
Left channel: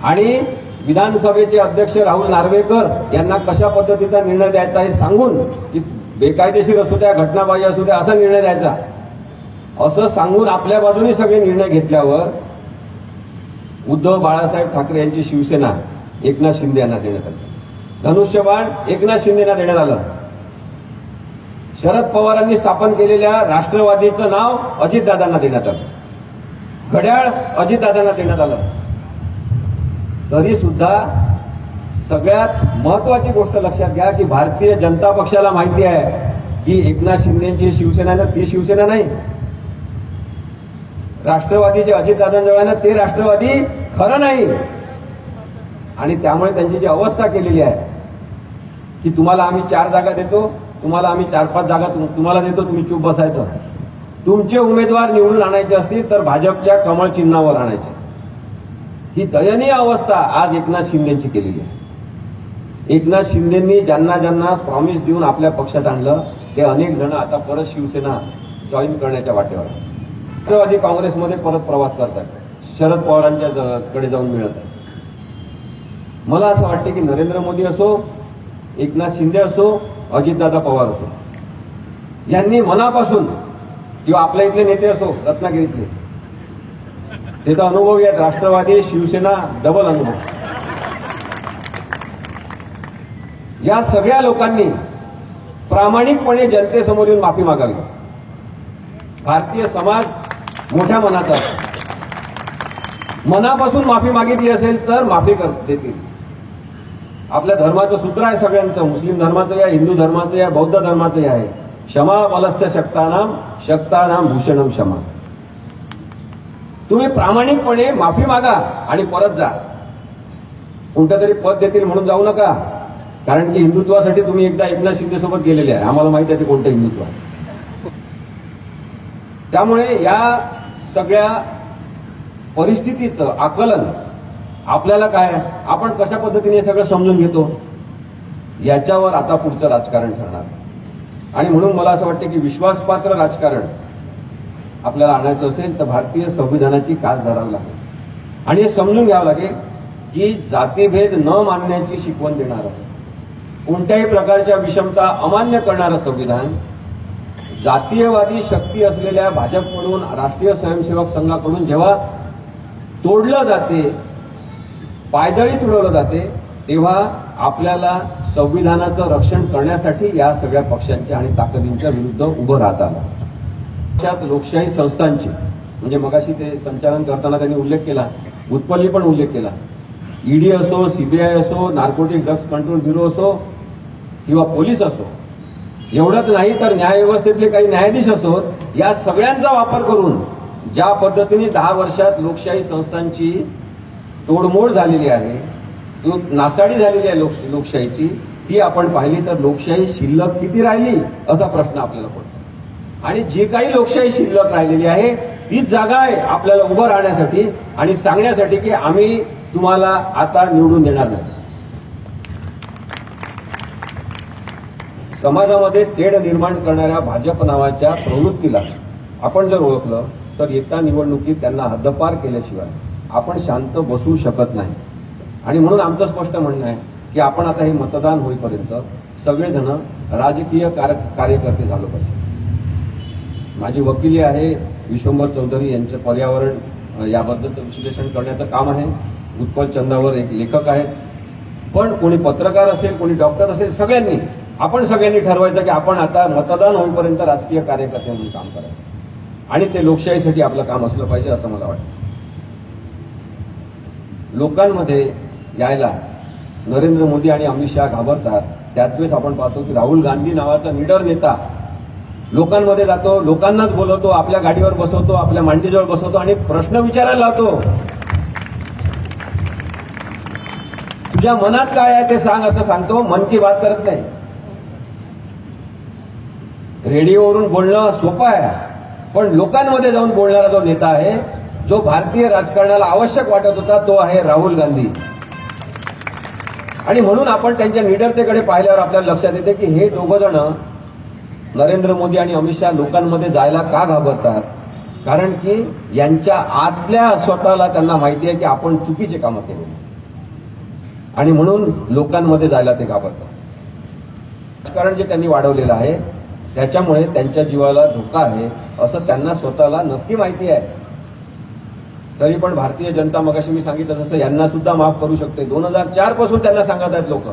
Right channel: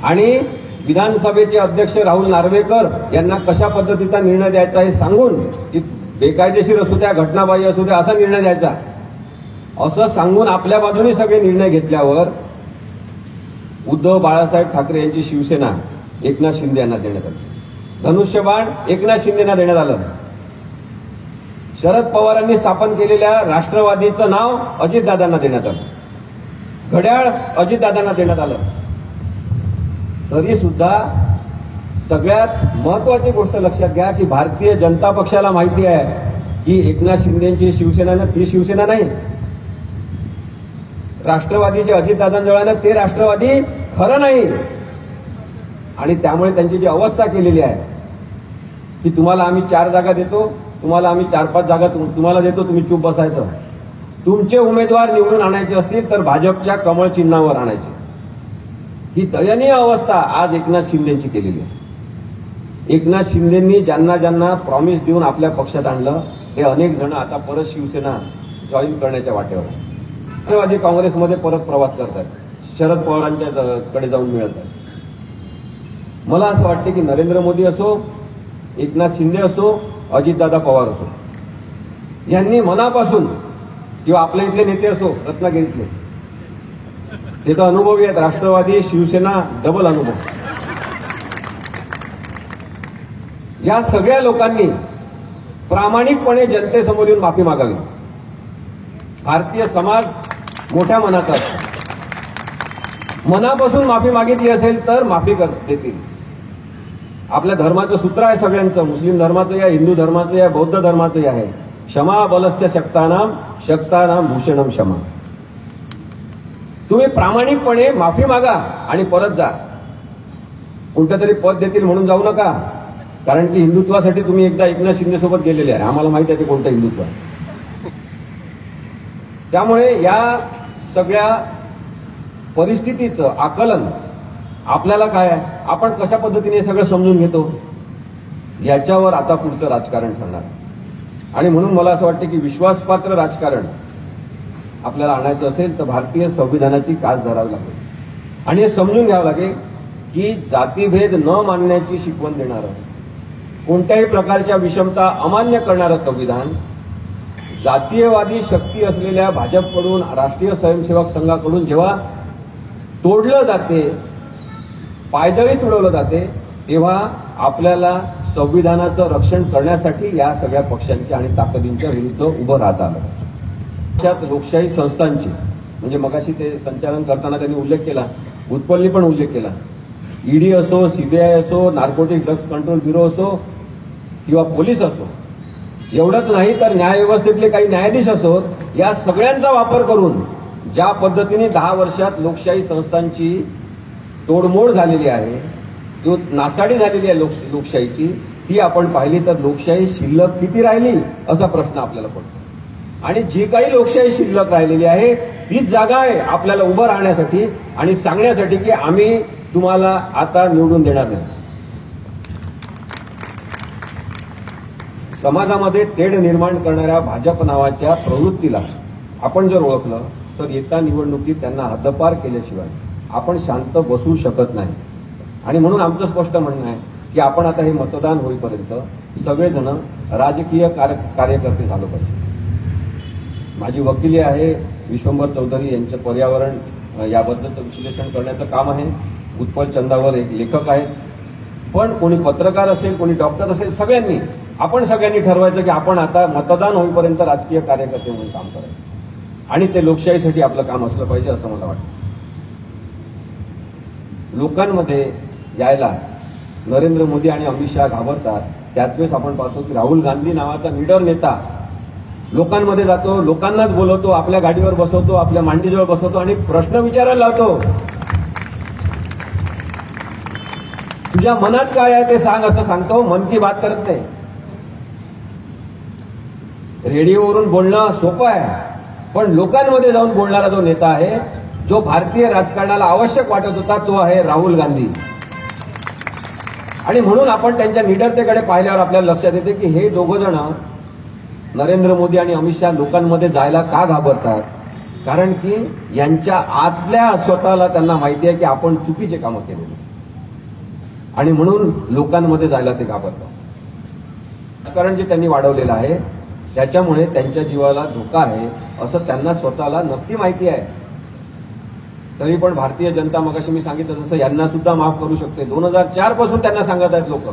आणि विधानसभेचे अध्यक्ष राहुल नार्वेकर यांना कशा पद्धतीचा निर्णय द्यायचा हे सांगून की बेकायदेशीर असू द्या घटनाबाह्य असू द्या असा निर्णय द्यायचा असं सांगून आपल्या बाजूने सगळे निर्णय घेतल्यावर उद्धव बाळासाहेब ठाकरे यांची शिवसेना एकनाथ शिंदे यांना देण्यात आली. धनुष्यबाण एकनाथ शिंदेना देण्यात आलं. शरद पवारांनी स्थापन केलेल्या राष्ट्रवादीचं नाव अजितदादांना देण्यात आलं. घड्याळ अजितदादांना देण्यात आलं. तरी सुद्धा सगळ्यात महत्वाची गोष्ट लक्षात घ्या की भारतीय जनता पक्षाला माहिती आहे की एकनाथ शिंदेची शिवसेना ती शिवसेना नाही. राष्ट्रवादीचे अजितदादांजवळ आहे ना ते राष्ट्रवादी खरं नाही आणि त्यामुळे त्यांची जी अवस्था केलेली आहे की तुम्हाला आम्ही 4 जागा देतो, तुम्हाला आम्ही 4-5 जागा तुम्हाला देतो, तुम्ही चूप बसायचं. तुमचे उमेदवार निवडून आणायचे असतील तर भाजपच्या कमळ चिन्हावर आणायचे. ही दयनीय अवस्था आज एकनाथ शिंदेची केलेली आहे. एकनाथ शिंदेंनी ज्यांना ज्यांना प्रॉमिस देऊन आपल्या पक्षात आणलं ते अनेक जण आता परत शिवसेना जॉईन करण्याच्या वाटेवर राष्ट्रवादी काँग्रेसमध्ये परत प्रवास करतात, शरद पवारांच्या कडे जाऊन मिळत आहेत. मला असं वाटतं की नरेंद्र मोदी असो, एकनाथ शिंदे असो, अजितदादा पवार असो यांनी मनापासून किंवा आपल्या इथले नेते असो रत्नागिरीतले ते तर अनुभवी आहेत. राष्ट्रवादी शिवसेना डबल अनुभव. या सगळ्या लोकांनी प्रामाणिकपणे जनतेसमोर येऊन माफी मागावी. भारतीय समाज मोठ्या मनाचा असतो. मनापासून माफी मागितली असेल तर माफी देतील. आपल्या धर्माचं सूत्र आहे सगळ्यांचं, मुस्लिम धर्माचं या, हिंदू धर्माचं या, बौद्ध धर्माचं या आहे, क्षमा बलस्य शक्तानाम शक्तानाम भूषणम क्षमा. तुम्ही प्रामाणिकपणे माफी मागा आणि परत जा. कोणतं तरी पद देतील म्हणून जाऊ नका, कारण की हिंदुत्वासाठी तुम्ही एकदा एकनाथ शिंदे सोबत गेलेले आहे. आम्हाला माहिती आहे ते कोणतं हिंदुत्व आहे. त्यामुळे या सगळ्या परिस्थितीचं आकलन आपल्याला काय, आपण कशा पद्धतीने सगळं समजून घेतो याच्यावर आता पुढचं राजकारण ठरणार. आणि म्हणून मला असं वाटतं की विश्वासपात्र राजकारण आपल्याला आणायचं असेल तर भारतीय संविधानाची कास धरावी लागेल आणि हे समजून घ्यावं लागेल की जातीभेद न मानण्याची शिकवण देणारं, कोणत्याही प्रकारच्या विषमता अमान्य करणारं संविधान जातीयवादी शक्ती असलेल्या भाजपकडून, राष्ट्रीय स्वयंसेवक संघाकडून जेव्हा तोडलं जाते, पायदळी तुडवलं जाते, तेव्हा आपल्याला संविधानाचं रक्षण करण्यासाठी या सगळ्या पक्षांच्या आणि ताकदींच्या विरुद्ध उभं राहता आलं. पक्षात लोकशाही संस्थांची, म्हणजे मगाशी ते संचालन करताना त्यांनी उल्लेख केला, उत्पन्नी पण उल्लेख केला, ईडी असो, सीबीआय असो, नार्कोटिक ड्रग्ज कंट्रोल ब्युरो असो किंवा पोलीस असो, एवढंच नाही तर न्यायव्यवस्थेतले काही न्यायाधीश असो, या सगळ्यांचा वापर करून ज्या पद्धतीने 10 वर्षात लोकशाही संस्थांची तोडमोड झालेली आहे, नासाडी झालेली आहे लोकशाहीची, ती आपण पाहिली तर लोकशाही शिल्लक किती राहिली असा प्रश्न आपल्याला पडतो. आणि जी काही लोकशाही शिल्लक राहिलेली आहे तीच जागा आहे आपल्याला उभं राहण्यासाठी आणि सांगण्यासाठी की आम्ही तुम्हाला आता निवडून देणार नाही. समाजामध्ये तेढ निर्माण करणाऱ्या भाजप नावाच्या प्रवृत्तीला आपण जर ओळखलं तर येत्या निवडणुकीत त्यांना हद्दपार केल्याशिवाय आपण शांत बसू शकत नाही. आणि म्हणून आमचं स्पष्ट म्हणणं आहे की आपण आता हे मतदान होईपर्यंत सगळेजण राजकीय कार्यकर्ते झाले पाहिजे. माझी वकिली आहे विश्वंभर चौधरी, यांचं पर्यावरण याबद्दलचं विश्लेषण करण्याचं काम आहे. उत्पल चंदावर एक लेखक आहेत. पण कोणी पत्रकार असेल, कोणी डॉक्टर असेल, आपण सगळ्यांनी ठरवायचं की आपण आता मतदान होईपर्यंत राजकीय कार्यकर्ते म्हणून काम करायचं आणि ते लोकशाहीसाठी आपलं काम असलं पाहिजे असं मला वाटतं. लोकांमध्ये यायला नरेंद्र मोदी आणि अमित शहा घाबरतात. त्याच वेळेस आपण पाहतो की राहुल गांधी नावाचा लीडर नेता लोकांमध्ये जातो, लोकांनाच बोलवतो, आपल्या गाडीवर बसवतो, आपल्या मांडीजवळ बसवतो आणि प्रश्न विचारायला लावतो. तुझ्या मनात काय आहे ते सांग असं सांगतो, मन की बात करत नाही. रेडिओवरून बोलणं सोपं आहे, पण लोकांमध्ये जाऊन बोलणारा जो नेता आहे, जो भारतीय राजकारणाला आवश्यक वाटत होता, तो आहे राहुल गांधी. आणि म्हणून आपण त्यांच्या निडरतेकडे पाहिल्यावर आपल्याला लक्षात येते की हे दोघं जण नरेंद्र मोदी आणि अमित शहा लोकांमध्ये जायला का घाबरतात, कारण की यांच्या आतल्या स्वतःला त्यांना माहिती आहे की आपण चुकीचे कामं केले आणि म्हणून लोकांमध्ये जायला ते घाबरतात. राजकारण जे त्यांनी वाढवलेलं आहे त्याच्यामुळे त्यांच्या जीवाला धोका आहे असं त्यांना स्वतःला नक्की माहिती आहे. तरी पण भारतीय जनता, मगाशी मी सांगितलं तसं, यांना सुद्धा माफ करू शकते. 2004 पासून त्यांना सांगत आहेत लोक.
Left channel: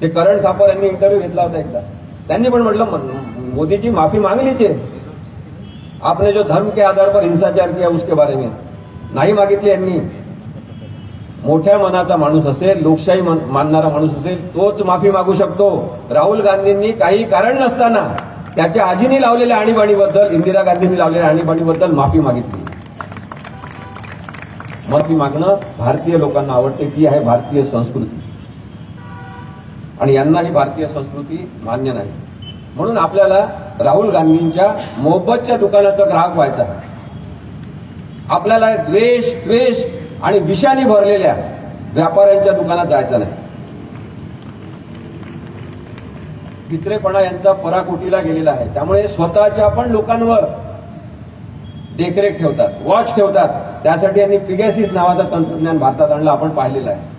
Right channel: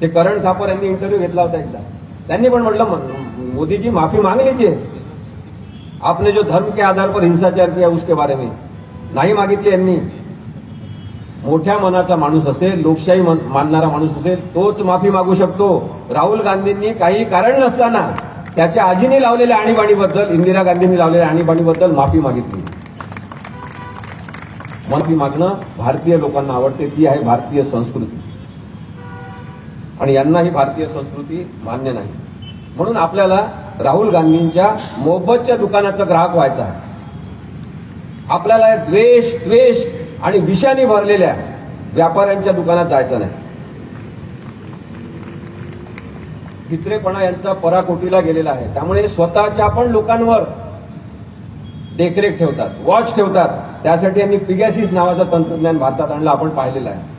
ते करण थापर यांनी इंटरव्ह्यू घेतला होता एकदा, त्यांनी पण म्हटलं मोदी जी माफी मांग लीजिए, आपने जो धर्म के आधार पर हिंसाचार किया उसके बारे में नाही मागितली यांनी. मोठ्या मनाचा माणूस असेल, लोकशाही मानणारा माणूस असेल, तोच माफी मागू शकतो. राहुल गांधींनी काही कारण नसताना त्याच्या आजीने लावलेल्या आणीबाणीबद्दल, इंदिरा गांधींनी लावलेल्या आणीबाणीबद्दल माफी मागितली. माफी मागणं भारतीय लोकांना आवडते, ती आहे भारतीय संस्कृती आणि यांना ही भारतीय संस्कृती मान्य नाही. म्हणून आपल्याला राहुल गांधींच्या मोहब्बतच्या दुकानाचा ग्राहक व्हायचा आहे. आपल्याला द्वेष आणि विषाने भरलेल्या व्यापाऱ्यांच्या दुकानात जायचं नाही. भित्रेपणा यांचा पराकोटीला गेलेला आहे. त्यामुळे स्वतःच्या पण लोकांवर देखरेख ठेवतात, वॉच ठेवतात. त्यासाठी यांनी पिगॅसिस नावाचं तंत्रज्ञान भारतात आणलं, आपण पाहिलेलं आहे.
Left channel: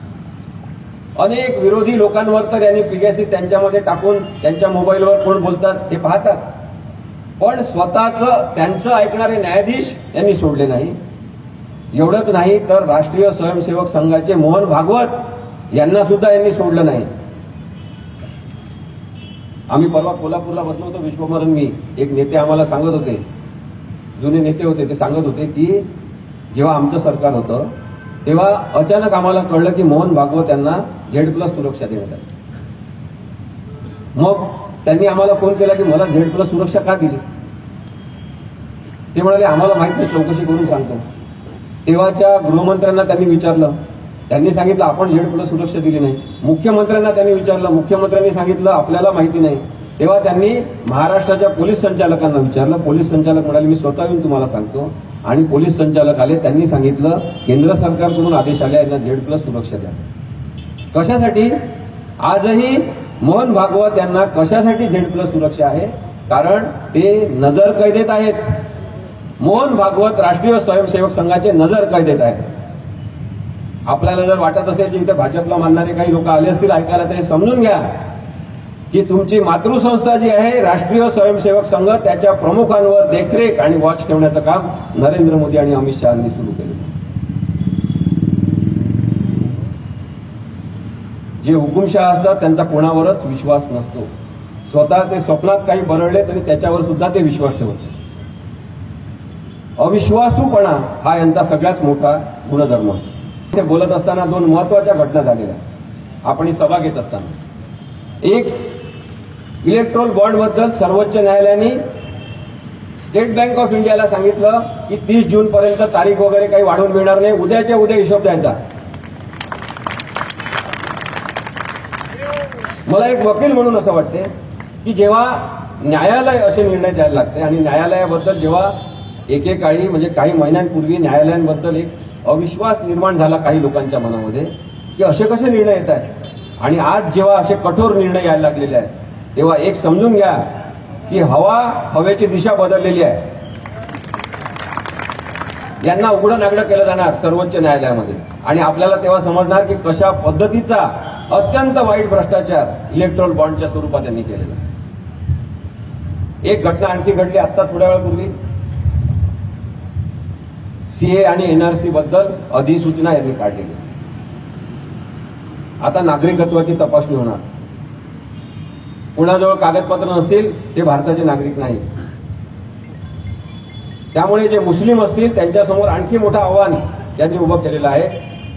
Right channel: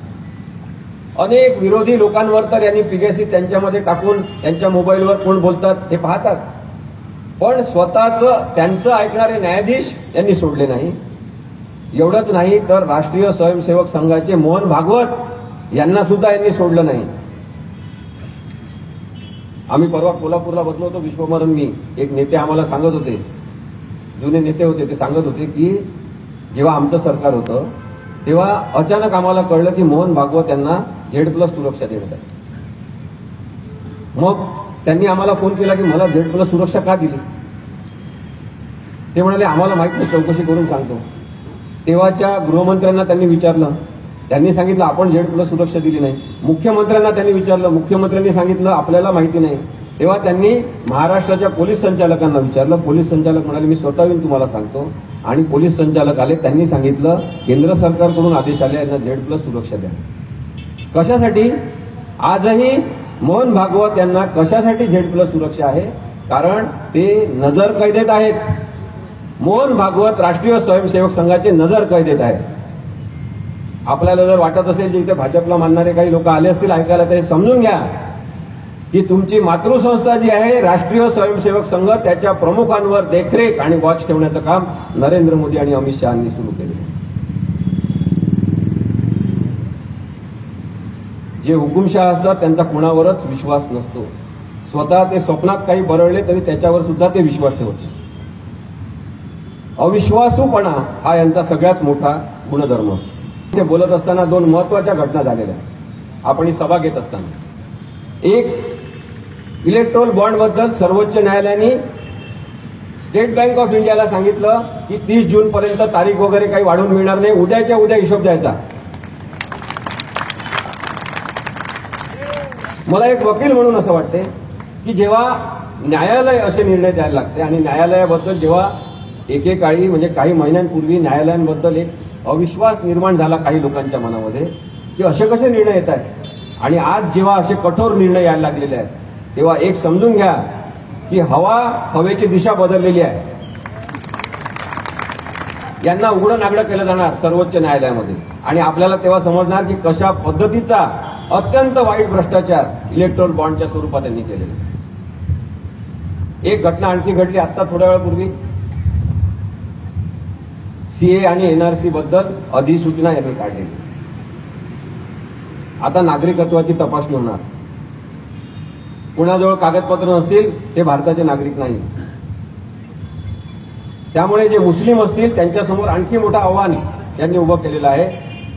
अनेक विरोधी लोकांवर तर यांनी पिगॅसिस त्यांच्यामध्ये टाकून त्यांच्या मोबाईलवर कोण बोलतात हे पाहतात. पण स्वतःचं त्यांचं ऐकणारे न्यायाधीश यांनी सोडले नाही. एवढंच नाही तर राष्ट्रीय स्वयंसेवक संघाचे मोहन भागवत यांना सुद्धा यांनी सोडलं नाही. आम्ही परवा कोल्हापूरला बसलो होतो, विश्वभरून मी, एक नेते आम्हाला सांगत होते, जुने नेते होते, ते सांगत होते की जेव्हा आमचं सरकार होतं तेव्हा अचानक आम्हाला कळलं की मोहन भागवत यांना Z+ सुरक्षा देत आहे. मग त्यांनी आम्हाला फोन केला की मला Z+ सुरक्षा का दिली. ते म्हणाले आम्हाला माहित नाही, चौकशी करून सांगतो. तेव्हाच्या गृहमंत्र्यांना त्यांनी विचारलं, त्यांनी सांगितलं आपण झेड+ सुरक्षा दिली नाही. मुख्यमंत्र्यांना त्यांनी विचारलं, मुख्यमंत्र्यांनी सांगितलं आपल्याला माहिती नाही. तेव्हा त्यांनी महाराष्ट्राच्या पोलीस संचालकांना विचारलं. पोलीस संचालक म्हणाले मी स्वतः येऊन तुम्हाला सांगतो. आणि पोलीस संचालक आले, त्यांनी सांगितलं केंद्र सरकारकडून आदेश आले यांना झेड+ सुरक्षा द्या. कशासाठी? आजही मोहन भागवत यांना कशासाठी झेड+ सुरक्षा आहे? कारण ते नजर कैदेत आहेत. मोहन भागवत राष्ट्रीय स्वयंसेवक संघाचे नजर कैदेत आहेत. आपल्याला जर वाटत असेल की इथे भाजपला मानणारे काही लोक आले असतील ऐकायला, तर समजून घ्या की तुमची मातृसंस्था जी आहे राष्ट्रीय स्वयंसेवक संघ, त्याच्या प्रमुखांवर देखरेख आणि वॉच ठेवण्याचं काम नरेंद्र मोदी आणि अमित शहा यांनी सुरू केलं. जे हुकुमशहा असतात त्यांचा कोणावरच विश्वास नसतो. स्वतः ते स्वप्नात काही बरळले तरी त्याच्यावर सुद्धा ते विश्वास ठेवतात. अविश्वासूपणा हा यांचा सगळ्यात मोठा गुणधर्म असतो. ते बोलत असताना दोन महत्वाच्या घटना झालेल्या. आपण ही सभा घेत असताना एक इलेक्ट्रोल बॉन्डबद्दल सर्वोच्च न्यायालयाने स्टेट बँक ऑफ इंडियाला सांगितलं की 30 जूनपर्यंत तारीख वगैरे काही वाढवून मिळणार नाही, उद्याच्या उद्या हिशोब द्यायचा. मला एक वकील म्हणून असं वाटते की जेव्हा न्यायालय असे निर्णय द्यायला लागते आणि न्यायालयाबद्दल जेव्हा एकेकाळी म्हणजे काही महिन्यांपूर्वी न्यायालयांबद्दल एक अविश्वास निर्माण झाला काही लोकांच्या मनामध्ये की असे कसे निर्णय येत आहेत, आणि आज जेव्हा असे कठोर निर्णय यायला लागलेले आहेत, तेव्हा एक समजून घ्या की हवेची दिशा बदललेली आहे. यांना उघडं नागडं केलं जाणार सर्वोच्च न्यायालयामध्ये आणि आपल्याला तेव्हा समजणार की कशा पद्धतीचा अत्यंत वाईट भ्रष्टाचार इलेक्ट्रोल बॉन्डच्या स्वरूपात त्यांनी केलेला. एक घटना आणखी घडली आता थोड्या वेळापूर्वी. सीए आणि एनआरसी बद्दल अधिसूचना यांनी काढलेली. आता नागरिकत्वाची तपासणी होणार. कुणाजवळ कागदपत्र नसतील ते भारताचे नागरिक नाही. त्यामुळे जे मुस्लिम असतील त्यांच्यासमोर आणखी मोठं आव्हान त्यांनी उभं केलेलं आहे.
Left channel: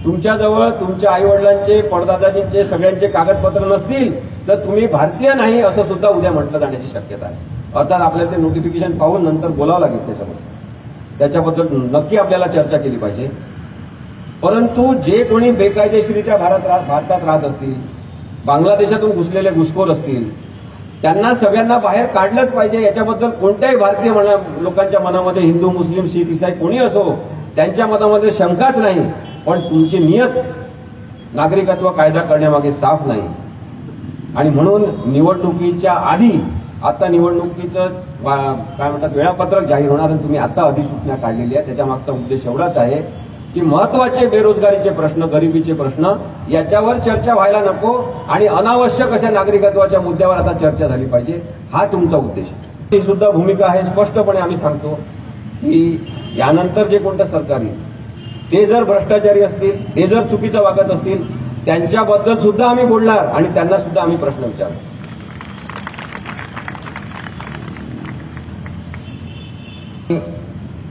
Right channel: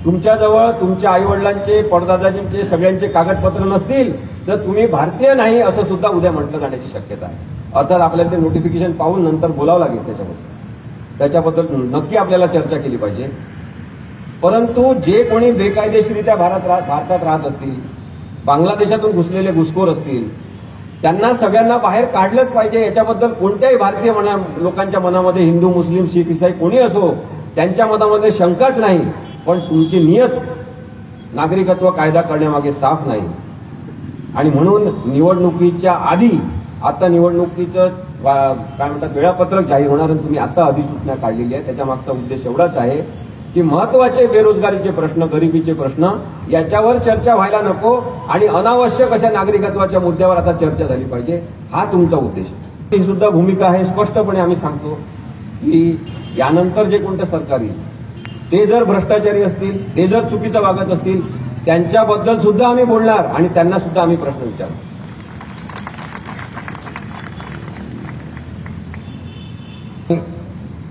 तुमच्याजवळ तुमच्या आईवडिलांचे, पडदादाजींचे सगळ्यांचे कागदपत्र नसतील तर तुम्ही भारतीय नाही असं सुद्धा उद्या म्हटलं जाण्याची शक्यता आहे. अर्थात आपल्याला ते नोटिफिकेशन पाहून नंतर बोलावं लागेल. त्याच्याबद्दल नक्की आपल्याला चर्चा केली पाहिजे. परंतु जे कोणी बेकायदेशीरित्या भारतात राहत असतील, बांगलादेशातून घुसलेले घुसखोर असतील, त्यांना सगळ्यांना बाहेर काढलंच पाहिजे. याच्याबद्दल कोणत्याही भारतीय लोकांच्या मनामध्ये, हिंदू, मुस्लिम, शीख, ईसाई कोणी असो, त्यांच्या मनामध्ये शंकाच नाही. पण तुमची नियत नागरिकत्व कायदा करण्यामागे साफ नाही. आणि म्हणून निवडणुकीच्या आधी आता निवडणुकीचं काय म्हणतात वेळापत्रक जाहीर होणार आणि तुम्ही आता अधिसूचना काढलेली आहे. त्याच्या मागचा उद्देश एवढाच आहे की महत्वाचे बेरोजगारीचे प्रश्न, गरिबीचे प्रश्न याच्यावर चर्चा व्हायला नको आणि अनावश्यक अशा नागरिकत्वाच्या मुद्द्यावर आता चर्चा झाली पाहिजे. हा तुमचा उद्देश. ही सुद्धा भूमिका आहे. स्पष्टपणे आम्ही सांगतो की यानंतर जे कोणतं सरकार येईल ते जर भ्रष्टाचारी असतील, ते जर चुकीचं वागत असतील, त्यांच्याबद्दल सुद्धा आम्ही बोलणार आणि त्यांना सुद्धा आम्ही प्रश्न विचारू.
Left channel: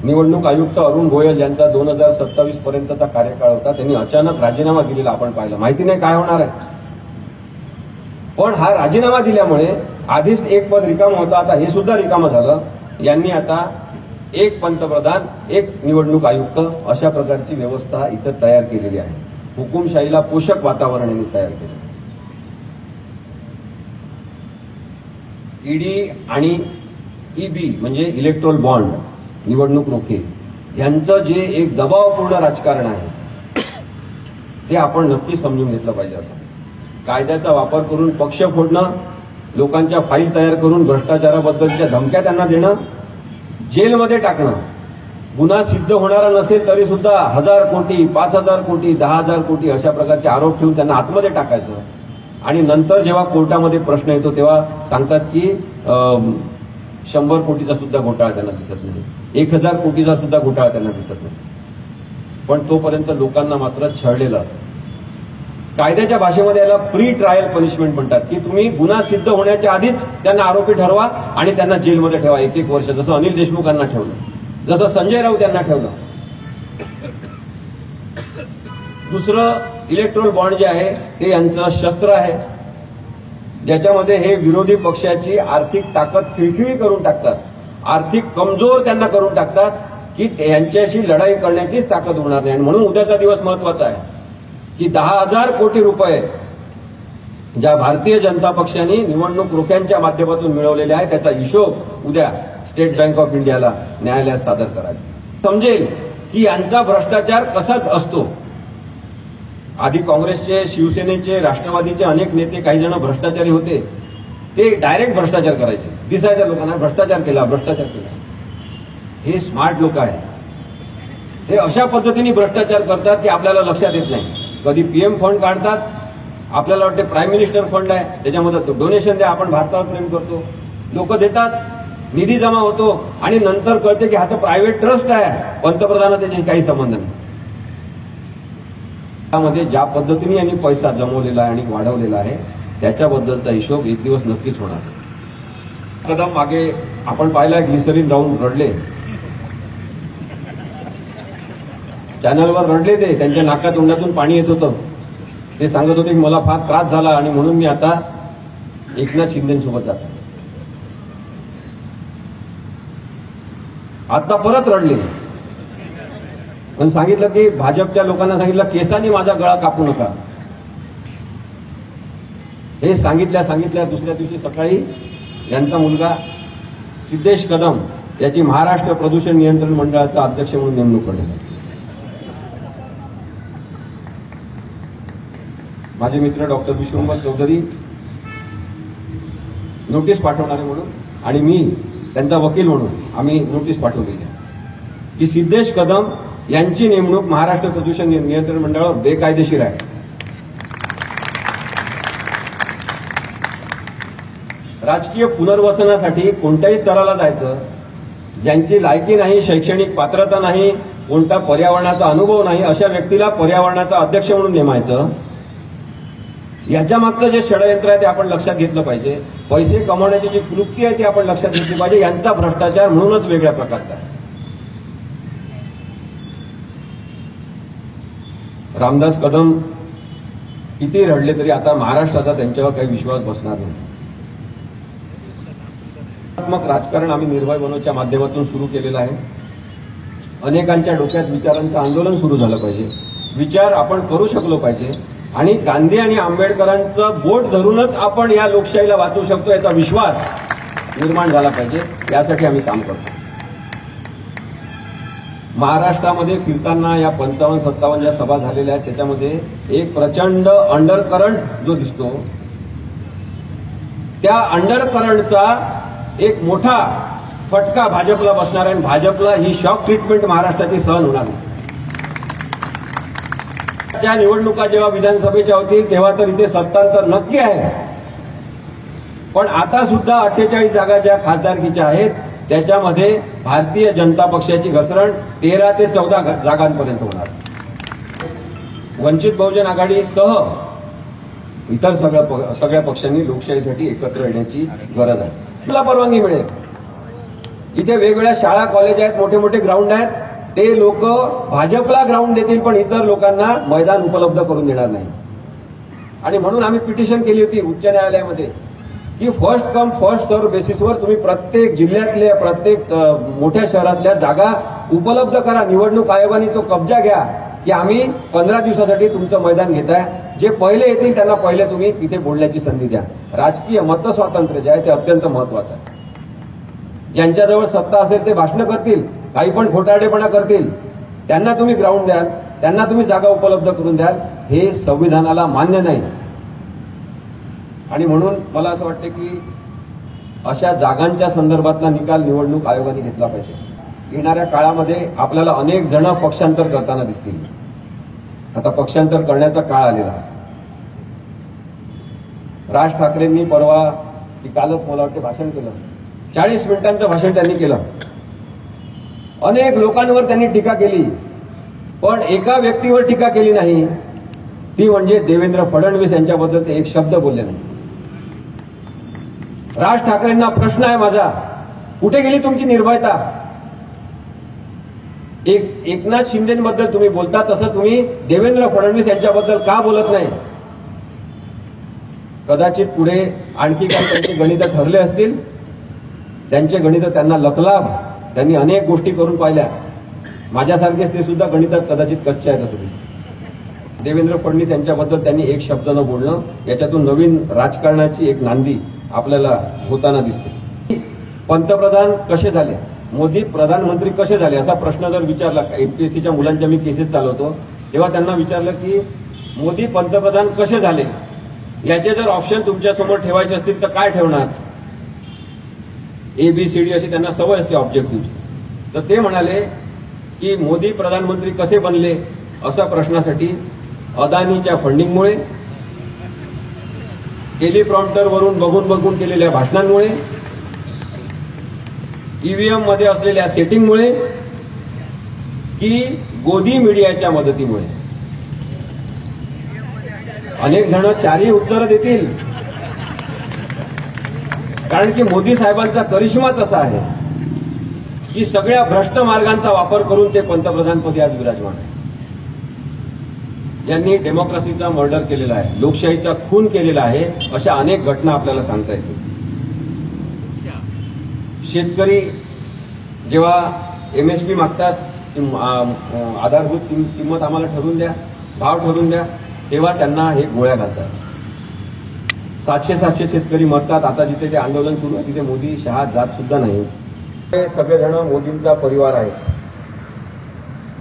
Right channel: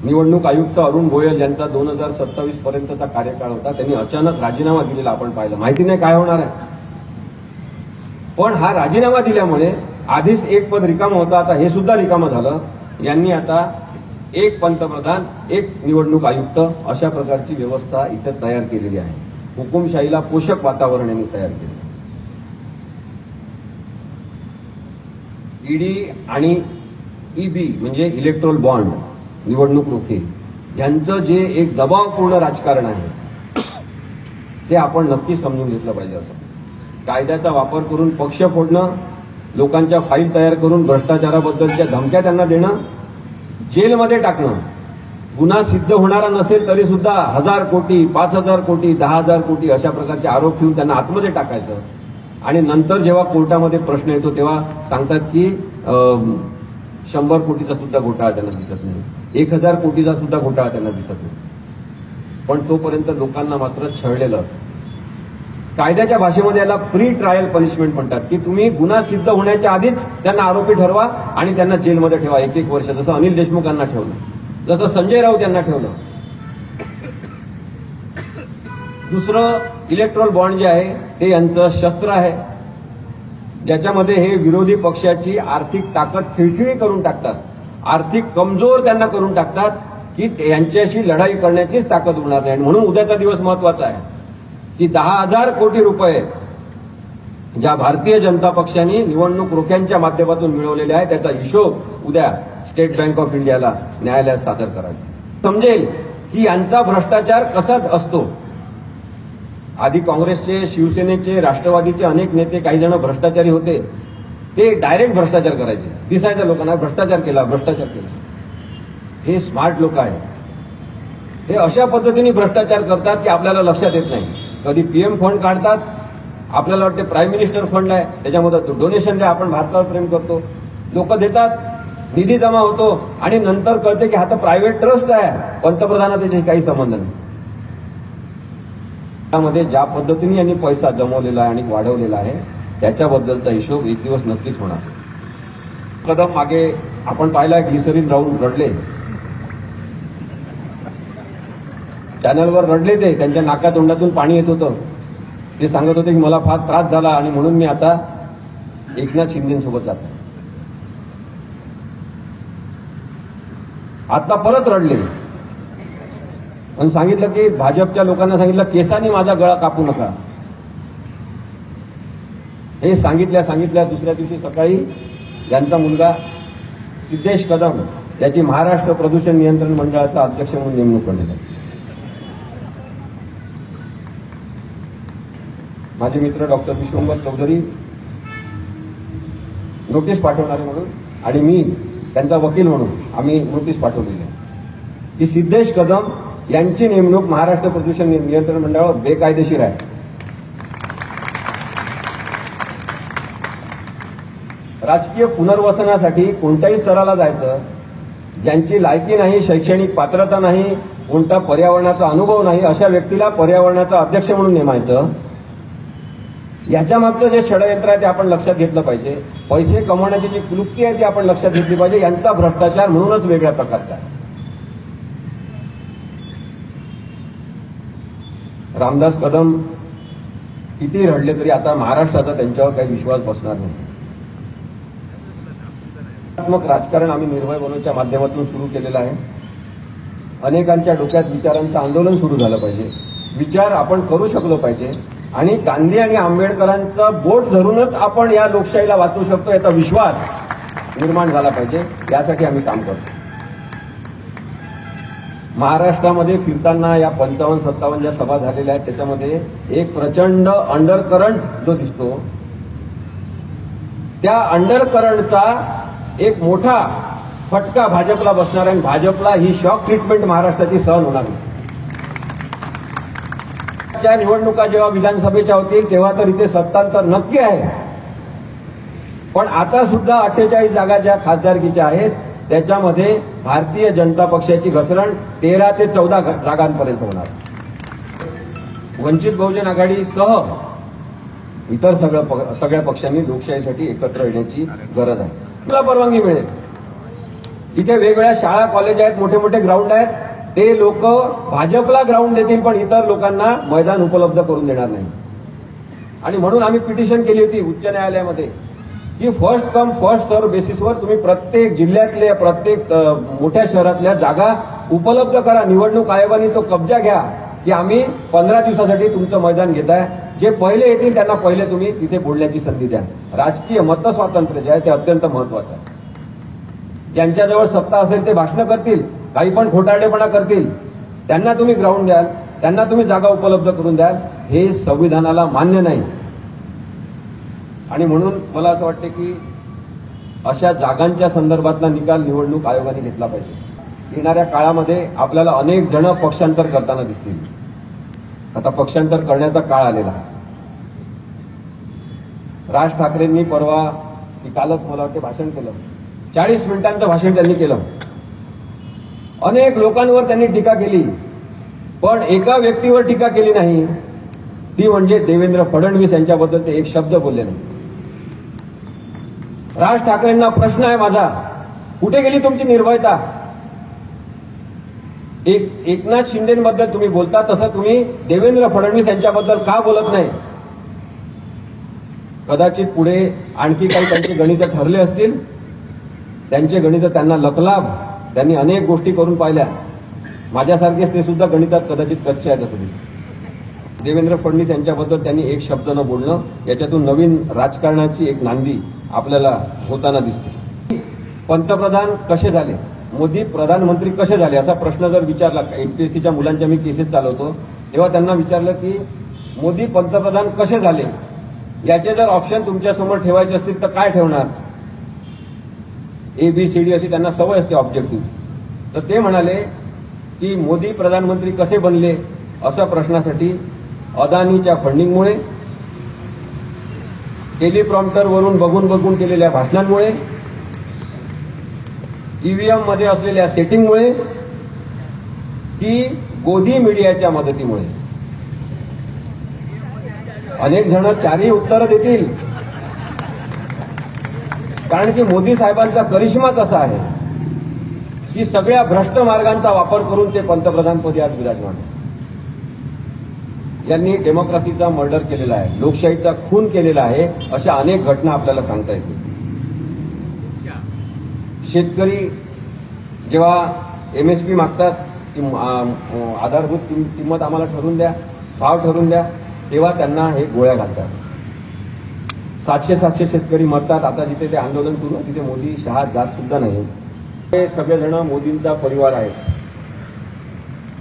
निवडणूक आयुक्त अरुण गोयल यांचा 2027 पर्यंतचा कार्यकाळ होता. त्यांनी अचानक राजीनामा दिलेला आपण पाहिलं. माहिती नाही काय होणार आहे. पण हा राजीनामा दिल्यामुळे आधीच एक पद रिकामं होतं, आता हे सुद्धा रिकामं झालं. यांनी आता एक पंतप्रधान, एक निवडणूक आयुक्त अशा प्रकारची व्यवस्था इथं तयार केलेली आहे. हुकुमशाहीला पोषक वातावरण यांनी तयार केलं. ईडी आणि ईबी म्हणजे इलेक्ट्रोल बॉन्ड, निवडणूक रोखे, यांचं जे एक दबावपूर्ण राजकारण आहे ते आपण नक्की समजून घेतलं पाहिजे. असं कायद्याचा वापर करून पक्ष फोडणं, लोकांच्या फाईल तयार करून भ्रष्टाचाराबद्दलच्या धमक्या त्यांना देणं, जेलमध्ये टाकणं, गुन्हा सिद्ध होणारा नसेल तरी सुद्धा 1000 कोटी, 5000 कोटी, 10,000 कोटी अशा प्रकारचे आरोप ठेवून त्यांना आतमध्ये टाकायचं आणि नंतर जेव्हा कोर्टामध्ये प्रश्न येतो तेव्हा सांगतात की 100 कोटीचा सुद्धा घोटाळा त्यांना दिसत नाही, 1000 कोटीचा सुद्धा घोटाळा त्यांना दिसत नाही. पण तोपर्यंत लोकांना मात्र छळलेलं असतं. कायद्याच्या भाषेमध्ये याला प्री ट्रायल पनिशमेंट म्हणतात की तुम्ही गुन्हा सिद्ध होण्याच्या आधीच त्यांना आरोपी ठरवा आणि त्यांना जेलमध्ये ठेवा 1-1 वर्ष, जसं अनिल देशमुखांना ठेवलं, जसं संजय राऊत यांना ठेवलं. दुसरं इलेक्ट्रोल बॉन्ड जे आहे ते यांचं शस्त्र आहे, ज्याच्यामध्ये हे विरोधी पक्षाची आर्थिक ताकद खिळखिळी करून टाकतात, आर्थिक कमजोर त्यांना करून टाकतात की यांच्याशी लढाई करण्याचीच ताकद होणार नाही. म्हणून उद्याचा दिवस महत्वाचा आहे की 10,000 कोटी रुपये ज्या भारतीय जनता पक्षाने निवडणूक रोख्यांच्या माध्यमातून मिळवलेले आहे त्याचा हिशोब उद्या स्टेट बँक ऑफ इंडियाला न्यायालयात सादर करायचा. समजेल की यांचा भ्रष्टाचार कसा असतो. आधी काँग्रेसचे, शिवसेनेचे, राष्ट्रवादीचे अनेक नेते काही जण भ्रष्टाचारी होते. ते डायरेक्ट भ्रष्टाचार करायचे. दिसायच्या लोकांना भ्रष्टाचार केला. हे स्मार्ट लोक आहेत. हे अशा पद्धतीने भ्रष्टाचार करतात की आपल्याला लक्षात येत नाही. कधी पीएम फंड काढतात, आपल्याला वाटते प्राईम मिनिस्टर फंड आहे, त्याच्यामध्ये डोनेशन द्या, आपण भारतावर प्रेम करतो, लोक देतात, निधी जमा होतो आणि नंतर कळते की हा तर प्रायव्हेट ट्रस्ट आहे, पंतप्रधानांना त्याच्याशी काही संबंध नाही. त्यामध्ये ज्या पद्धतीने यांनी पैसा जमवलेला आहे आणि वाढवलेला आहे त्याच्याबद्दलचा हिशोब एक दिवस नक्कीच होणार. कदम मागे आपण पाहिला ग्लिसरीन राहून रडले, चॅनलवर रडले. ते त्यांच्या नाका तोंडातून पाणी येत होतं. ते सांगत होते की मला फार त्रास झाला आणि म्हणून मी आता एकनाथ शिंदेसोबत जातो. आता परत रडले पण सांगितलं की भाजपच्या लोकांना सांगितलं केसांनी माझा गळा कापू नका. हे सांगितल्या दुसऱ्या दिवशी सकाळी यांचा मुलगा सिद्धेश कदम याची महाराष्ट्र प्रदूषण नियंत्रण मंडळाचा अध्यक्ष म्हणून नेमणूक करण्यात आली. माझे मित्र डॉक्टर विश्वंभर चौधरी नोटीस पाठवणारे म्हणून आणि मी त्यांचा वकील म्हणून आम्ही नोटीस पाठवलेली आहे की सिद्धेश कदम यांची नेमणूक महाराष्ट्र प्रदूषण नियंत्रण मंडळावर बेकायदेशीर आहे. राजकीय पुनर्वसनासाठी कोणत्याही स्तराला जायचं, ज्यांची लायकी नाही, शैक्षणिक पात्रता नाही, कोणता पर्यावरणाचा अनुभव नाही, अशा व्यक्तीला पर्यावरणाचा अध्यक्ष म्हणून नेमायचं. याच्या मागचं जे षडयंत्र आहे ते आपण लक्षात घेतलं पाहिजे. पैसे कमवण्याची जी क्लुप्ती आहे ती आपण लक्षात घेतली पाहिजे. यांचा भ्रष्टाचार म्हणूनच वेगळ्या प्रकारचा आहे. रामदास कदम किती रडले तरी आता महाराष्ट्राचा त्यांच्यावर काही विश्वास बसणार नाही. राजकारण आम्ही निर्भय मनोच्या माध्यमातून सुरू केलेलं आहे. अनेकांच्या डोक्यात विचारांचं आंदोलन सुरू झालं पाहिजे. विचार आपण करू शकलो पाहिजे आणि गांधी आणि आंबेडकरांचं बोट धरूनच आपण या लोकशाहीला वाचू शकतो याचा विश्वास निर्माण झाला पाहिजे. यासाठी आम्ही काम करतो. महाराष्ट्रामध्ये फिरताना या 55-57 ज्या सभा झालेल्या आहेत त्याच्यामध्ये एक प्रचंड अंडरकरंट जो दिसतो, त्या अंडरकरंटचा एक मोठा फटका भाजपला बसणार आहे. भाजपला ही शॉक ट्रीटमेंट महाराष्ट्राची सहन होणार नाही. त्या निवडणुका जेव्हा विधानसभेच्या होतील तेव्हा तर इथे सत्तांतर नक्की आहे. पण आता सुद्धा 48 जागा ज्या खासदारकीच्या आहेत त्याच्यामध्ये भारतीय जनता पक्षाची घसरण 13 ते 14 जागांपर्यंत होणार. वंचित बहुजन आघाडीसह इतर सगळ्या पक्षांनी लोकशाहीसाठी एकत्र येण्याची गरज आहे. तुला परवानगी मिळेल. इथे वेगवेगळ्या शाळा, कॉलेज आहेत, मोठे मोठे ग्राउंड आहेत. ते लोक भाजपला ग्राउंड देतील पण इतर लोकांना मैदान उपलब्ध करून देणार नाही. आणि म्हणून आम्ही पिटिशन केली होती उच्च न्यायालयामध्ये की फर्स्ट कम फर्स्ट सर्व्ह बेसिसवर तुम्ही प्रत्येक जिल्ह्यातल्या, प्रत्येक मोठ्या शहरातल्या जागा उपलब्ध करा. निवडणूक आयोगाने तो कब्जा घ्या की आम्ही 15 दिवसासाठी तुमचं मैदान घेताय. जे पहिले येतील त्यांना पहिले तुम्ही तिथे बोलण्याची संधी द्या. राजकीय मतस्वातंत्र्य जे आहे ते अत्यंत महत्वाचं आहे. ज्यांच्याजवळ सत्ता असेल ते भाषणं करतील, काही पण खोटारडेपणा करतील, त्यांना तुम्ही ग्राउंड द्याल, त्यांना तुम्ही जागा उपलब्ध करून द्याल. हे संविधानाला मान्य नाही. आणि म्हणून मला असं वाटतं की अशा जागांच्या संदर्भातला निकाल निवडणूक आयोगाने घेतला पाहिजे. येणाऱ्या काळामध्ये आपल्याला अनेक जण पक्षांतर करताना दिसतील. आता पक्षांतर करण्याचा काळ आलेला आहे. राज ठाकरेंनी परवा की कालच मला वाटतं भाषण केलं, 40 मिनिटांचं भाषण त्यांनी केलं. अनेक लोकांवर त्यांनी टीका केली पण एका व्यक्तीवर टीका केली नाही, ती म्हणजे देवेंद्र फडणवीस यांच्याबद्दल ते एक शब्द बोलले नाही. राज ठाकरेंना प्रश्न आहे माझा, कुठे गेली तुमची निर्भयता? एकनाथ शिंदेबद्दल तुम्ही बोलता तसं तुम्ही देवेंद्र फडणवीस यांच्याबद्दल का बोलत नाही? कदाचित पुढे आणखी काही त्यांचे गणित ठरले असतील. त्यांचे गणित त्यांना लकलाभ, त्यांनी अनेक गोष्टी करून पाहिल्या. माझ्यासारखेच ते सुद्धा गणितात कदाचित कच्चे आहेत असं दिसतं. देवेंद्र फडणवीस यांच्याबद्दल त्यांनी एक शब्द न बोलणं, याच्यातून नवीन राजकारणाची एक नांदी आपल्याला होताना दिसते. पंतप्रधान कसे झाले, मोदी प्रधानमंत्री कसे झाले असा प्रश्न जर विचारला, एमपीएससीच्या मुलांच्या मी केसेस चालवतो तेव्हा त्यांना विचारलं की मोदी पंतप्रधान कसे झाले, याचे जर ऑप्शन तुमच्यासमोर ठेवायचे असतील तर काय ठेवणार? ABCD अशी त्यांना सवय असते ऑब्जेक्टिव्ह. तर ते म्हणाले की मोदी प्रधानमंत्री कसे बनले अशा प्रश्नासाठी अदानीच्या फंडिंगमुळे, टेलिप्रॉम्प्टरवरून बघून बघून केलेल्या भाषणांमुळे, ईव्हीएम मध्ये असलेल्या सेटिंगमुळे की गोदी मीडियाच्या मदतीमुळे. अनेक जण चारही उत्तरं देतील, कारण की मोदी साहेबांचा करिश्माच असा आहे की सगळ्या भ्रष्ट मार्गांचा वापर करून ते पंतप्रधानपदी आज विराजमान आहे. यांनी डेमोक्रेसीचा मर्डर केलेला आहे, लोकशाहीचा खून केलेला आहे, अशा अनेक घटना आपल्याला सांगता येतील. शेतकरी जेव्हा MSP मागतात, आधारभूत किंमत आम्हाला ठरवून द्या, भाव ठरवून द्या, तेव्हा त्यांना हे गोळ्या घालतात. 700 शेतकरी मरतात. आता जिथे ते आंदोलन सुरू आहे तिथे मोदी शहा जात सुद्धा नाही. हे सगळेजण मोदींचा परिवार आहे,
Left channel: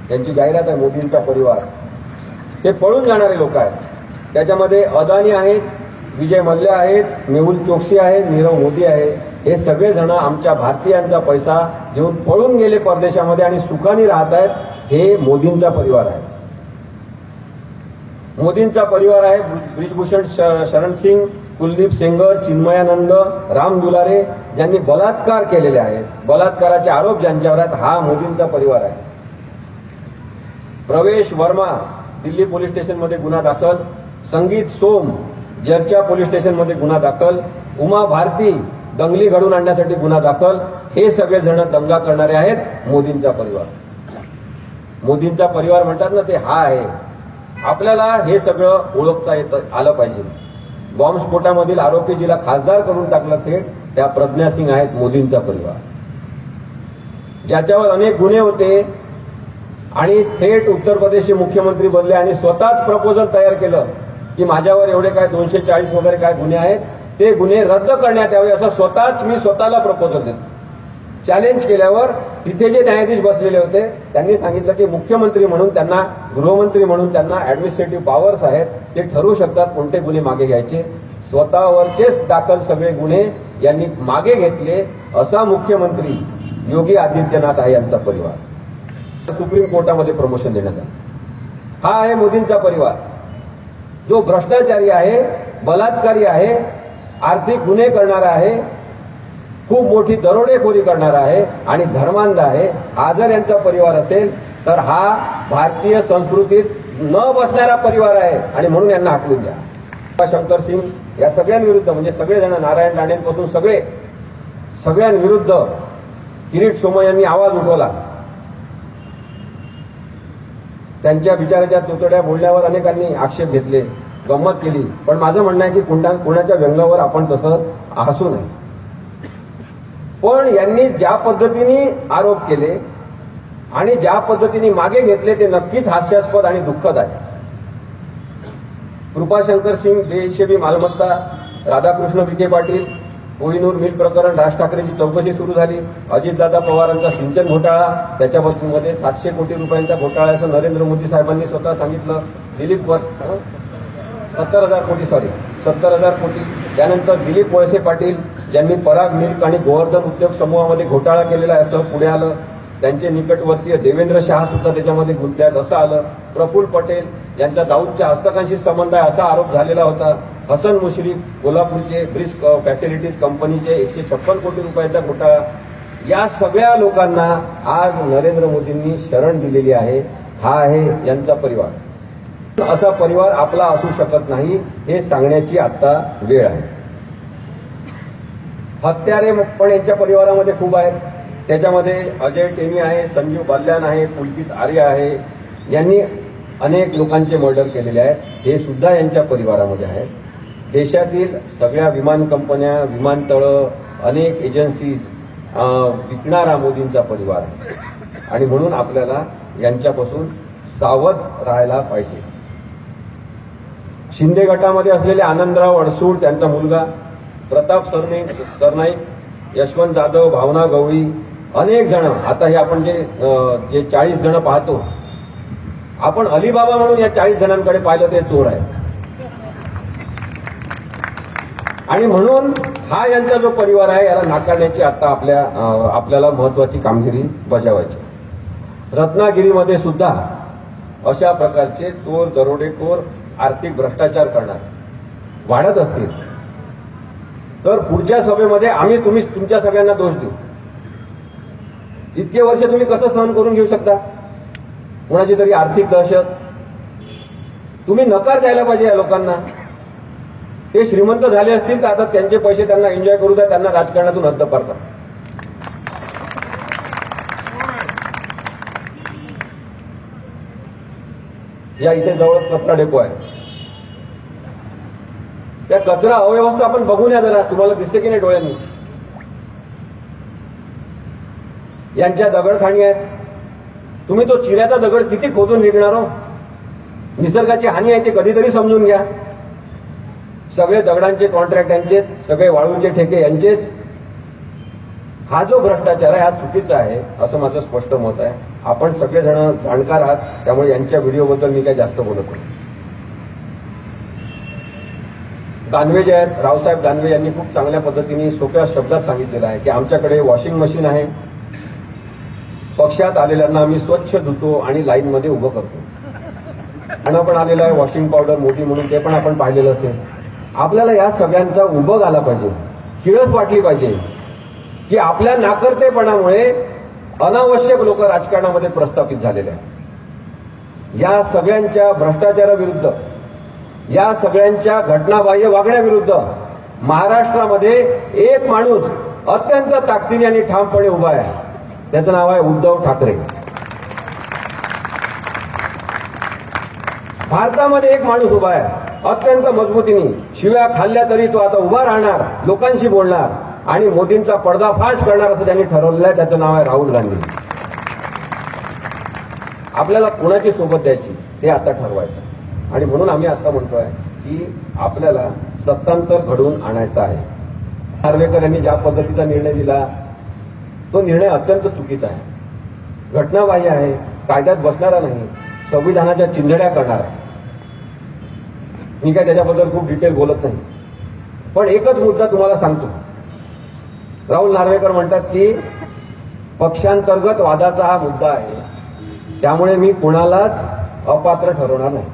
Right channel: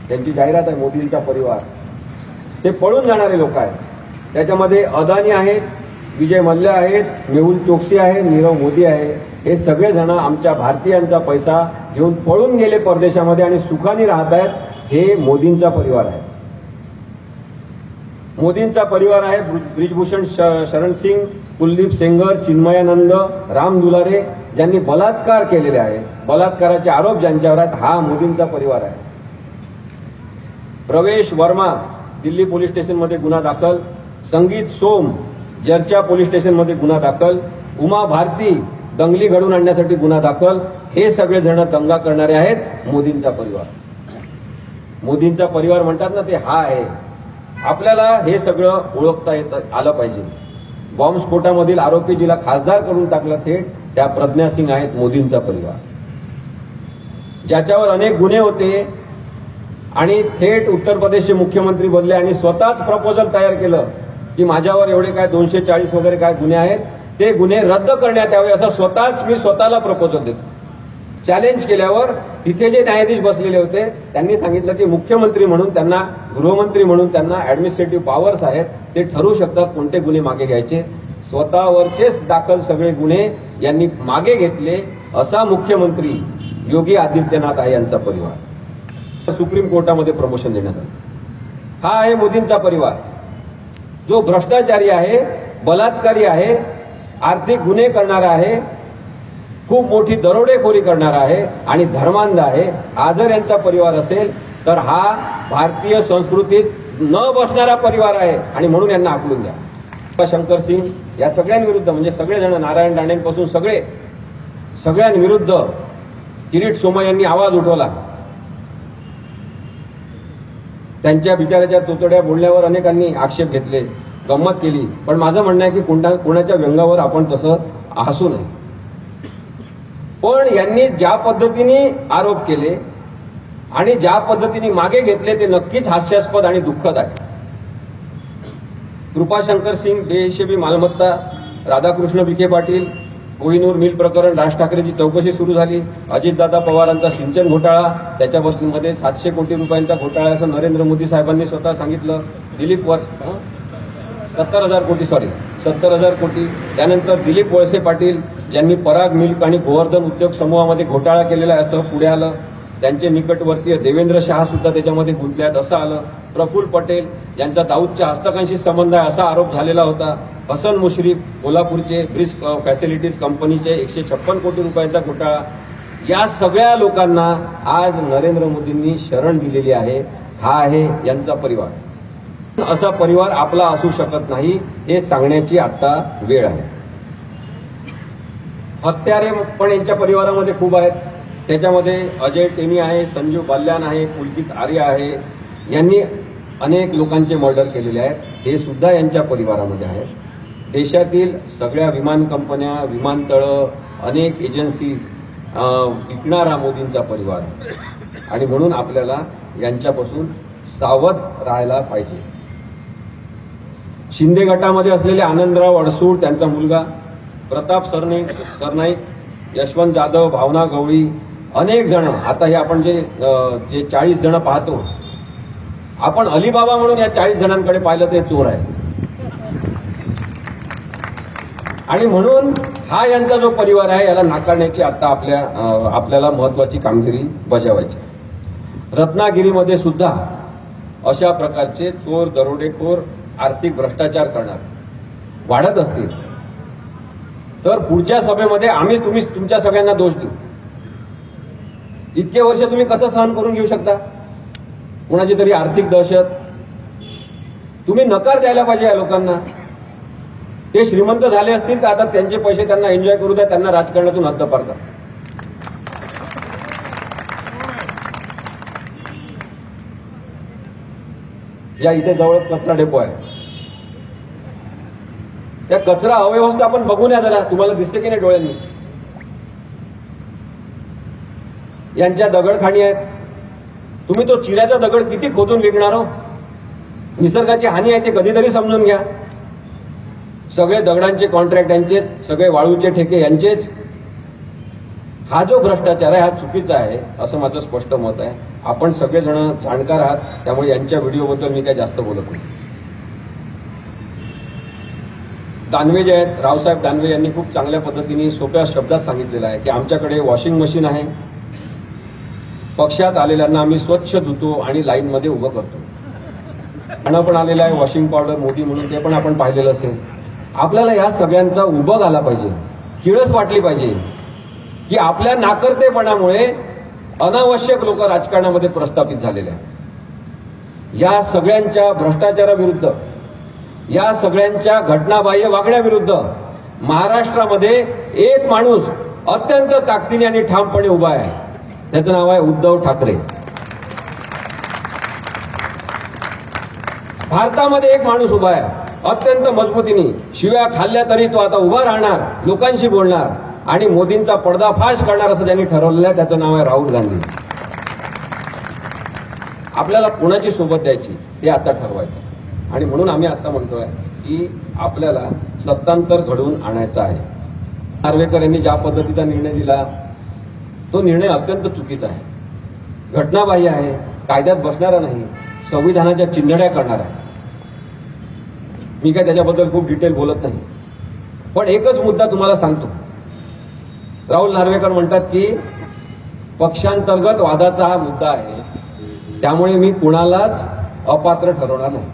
त्यांची जाहिरात आहे मोदींचा परिवार. ते पळून जाणारे लोक आहेत. त्याच्यामध्ये अदानी आहेत, विजय मल्ल्या आहेत, मेहुल चोक्सी आहे, नीरव मोदी आहे. हे सगळेजण आमच्या भारतीयांचा पैसा घेऊन पळून गेले परदेशामध्ये आणि सुखाने राहत आहेत. हे मोदींचा परिवार आहे. मोदींचा परिवार आहे ब्रिजभूषण शरण सिंग, कुलदीप सेंगर, चिन्मयानंद, राम दुलारे, ज्यांनी बलात्कार केलेले आहेत, बलात्काराचे आरोप ज्यांच्यावर आहेत, हा मोदींचा परिवार आहे. प्रवेश वर्मा दिल्ली पोलीस स्टेशनमध्ये गुन्हा दाखल, संगीत सोम जर्चा पोलीस स्टेशनमध्ये गुन्हा दाखल, उमा भारती दंगली घडून आणण्यासाठी गुन्हा दाखल. हे सगळे जण दंगा करणारे आहेत मोदींचा परिवार. मोदींचा परिवार म्हणतात ना, ते हा आहे. आपल्याला हे सगळं ओळखता आलं पाहिजे. बॉम्बस्फोटामधील आरोपी जिला खासदार करून टाकलं थेट, त्या प्रज्ञा सिंग आहेत मोदींचा परिवार. ज्याच्यावर अनेक गुन्हे होते आणि थेट उत्तर प्रदेशचे मुख्यमंत्री बनले आणि स्वतःच प्रपोजल तयार केलं की माझ्यावर एवढे काय 240 वगैरे काय गुन्हे आहेत, ते गुन्हे रद्द करण्यात यावे असं मी स्वतःला प्रपोजल देतो. चॅलेंज केल्यावर तिथे जे न्यायाधीश बसलेले होते त्यांनी सांगितलं की मुख्यमंत्री म्हणून त्यांना, गृहमंत्री म्हणून त्यांना ऍडमिनिस्ट्रेटिव्ह पॉवर्स आहेत, ते ठरवू शकतात कोणते गुन्हे मागे घ्यायचे. स्वतःवरचेच दाखल सगळे गुन्हे यांनी मागे घेतले. असा मुख्यमंत्री योगी आदित्यनाथ आहे यांचा परिवार. सुप्रीम कोर्टामध्ये प्रमोशन देण्यात आलं. हा आहे मोदींचा परिवार, जो भ्रष्टाचारी आहे, बलात्कारी आहे, आर्थिक गुन्हे करणारा आहे, खूप मोठी दरोडेखोरी करणारा आहे आणि धर्मांध आहे. हा जर यांचा परिवार असेल तर हा भारतीय संस्कृतीत न बसणारा परिवार आहे आणि म्हणून यांना हाकलून द्या. शंकर सिंग या सगळ्यांविरुद्ध, म्हणजे सगळेजण, नारायण राणेंपासून सगळ्यांविरुद्ध किरीट सोमय्या यांनी आवाज उठवला. त्यांच्या बिचाराच्या तोतड्या बोलण्यावर अनेकांनी आक्षेप घेतले, गंमत केली. पण माझं म्हणणं आहे की कुणाच्या व्यंगावर आपण तसं हसू नये. पण यांनी ज्या पद्धतीने आरोप केले आणि ज्या पद्धतीने मागे घेतले ते नक्कीच हास्यास्पद आणि दुःखद आहे. कृपाशंकर सिंग बेहिशेबी मालमत्ता, राधाकृष्ण विखे पाटील, कोहिनूर मिल प्रकरण, राज ठाकरेची चौकशी सुरू झाली. अजितदादा पवारांचा सिंचन घोटाळा, त्याच्यामध्ये 700 कोटी रुपयांचा घोटाळा असं नरेंद्र मोदी साहेबांनी स्वतः सांगितलं. दिलीप 70,000 कोटी. त्यानंतर दिलीप वळसे पाटील ज्यांनी पराग मिल्क आणि गोवर्धन उद्योग समूहामध्ये घोटाळा केलेला आहे असं पुढे आलं. त्यांचे निकटवर्तीय देवेंद्र शहा सुद्धा त्याच्यामध्ये गुंतले आहेत असं आलं. प्रफुल्ल पटेल यांचा दाऊदच्या हस्तकांशी संबंध आहे असा आरोप झालेला होता. हसन मुश्रीफ कोल्हापूरचे ब्रिस्क फॅसिलिटीज कंपनीचे 156 कोटी रुपयांचा घोटाळा. या सगळ्या लोकांना आज नरेंद्र मोदींनी शरण दिलेली आहे. हा आहे यांचा परिवार. असा परिवार आपला असू शकत नाही हे सांगण्याची आता वेळ आहे. हत्यारे पण यांच्या परिवारामध्ये खूप आहेत. त्याच्यामध्ये अजय टेनी आहे, संजीव बाल्यान आहे, पुलकित आर्य आहे. यांनी अनेक लोकांचे मर्डर केलेले आहेत. हे सुद्धा यांच्या परिवारामध्ये आहे. देशातील सगळ्या विमान कंपन्या, विमानतळं, अनेक एजन्सीज विकणारा मोदींचा परिवार आहे. आणि म्हणून आपल्याला यांच्यापासून सावध राहायला पाहिजे. शिंदे गटामध्ये असलेले आनंदराव अडसूळ, त्यांचा मुलगा प्रताप सरनाईक, यशवंत जाधव, भावना गवळी, अनेक जण, आता हे आपण जे 40 जण पाहतो, आपण अलिबाबा म्हणून या 40 जणांकडे पाहिलं ते चोर आहे. आणि म्हणून हा यांचा जो परिवार आहे याला नाकारण्याची आता आपल्याला महत्वाची कामगिरी बजावायची. रत्नागिरीमध्ये सुद्धा अशा प्रकारचे चोर, दरोडेखोर, आर्थिक भ्रष्टाचार करणार वाढत असतील तर पुढच्या सभेमध्ये आम्ही तुमच्या सगळ्यांना दोष देऊ. इतके वर्ष तुम्ही कसं सहन करून घेऊ शकता कोणाची तरी आर्थिक दहशत? तुम्ही नकार द्यायला पाहिजे या लोकांना. ते श्रीमंत झाले असतील तर आता त्यांचे पैसे त्यांना एन्जॉय करू द्या, त्यांना राजकारणातून हद्दपार करा. या इथे जवळच कचरा डेपो आहे, त्या कचरा अव्यवस्थापन बघून या जरा, तुम्हाला दिसते की नाही डोळ्यांनी? यांच्या दगडखाणी आहेत. तुम्ही तो चिऱ्याचा दगड किती खोदून विकणार हो? निसर्गाची हानी आहे ते कधीतरी समजून घ्या. सगळे दगडांचे कॉन्ट्रॅक्ट यांचेच, सगळे वाळूचे ठेके यांचेच. हा जो भ्रष्टाचार आहे हा चुकीचा आहे असं माझं स्पष्ट मत आहे. आपण सगळेजण जाणकार आहात, त्यामुळे यांच्या व्हिडिओबद्दल मी काही जास्त बोलत नाही. दानवे जे आहेत, रावसाहेब दानवे यांनी खूप चांगल्या पद्धतीने सोप्या शब्दात सांगितलेलं आहे की आमच्याकडे वॉशिंग मशीन आहे, पक्षात आलेल्यांना आम्ही स्वच्छ धुतो आणि लाईनमध्ये उभं करतो. आणि पण आलेलं आहे वॉशिंग पावडर मोठी म्हणून, ते पण आपण पाहिलेलं असेल. आपल्याला या सगळ्यांचा उबग आला पाहिजे, किळस वाटली पाहिजे की आपल्या नाकर्तेपणामुळे अनावश्यक लोक राजकारणामध्ये प्रस्थापित झालेले आहेत. या सगळ्यांच्या भ्रष्टाचाराविरुद्ध, या सगळ्यांच्या घटनाबाह्य वागण्याविरुद्ध महाराष्ट्रामध्ये एक माणूस अत्यंत ताकदीने आणि ठामपणे उभा आहे. त्याचं नाव आहे उद्धव ठाकरे. भारतामध्ये एक माणूस उभा आहे अत्यंत मजबूतीने. शिव्या खाल्ल्या तरी तो आता उभा राहणार, लोकांशी बोलणार आणि मोदींचा पर्दाफाश करणार असं त्यांनी ठरवलेलं आहे. त्याचं नाव आहे राहुल गांधी. आपल्याला कुणाची सोबत द्यायची हे आता ठरवायचं. आणि म्हणून आम्ही आता म्हणतोय की आपल्याला सत्तांतर घडवून आणायचं आहे. नार्वेकर यांनी ज्या पद्धतीचा निर्णय दिला तो निर्णय अत्यंत चुकीचा आहे, घटनाबाह्य आहे, कायद्यात बसणारा नाही, संविधानाच्या चिंधड्या करणार आहे. मी काय त्याच्याबद्दल खूप डिटेल बोलत नाही, पण एकच मुद्दा तुम्हाला सांगतो. राहुल नार्वेकर म्हणतात की पक्षांतर्गत वादाचा हा मुद्दा आहे, त्यामुळे मी कुणालाच अपात्र ठरवणार नाही,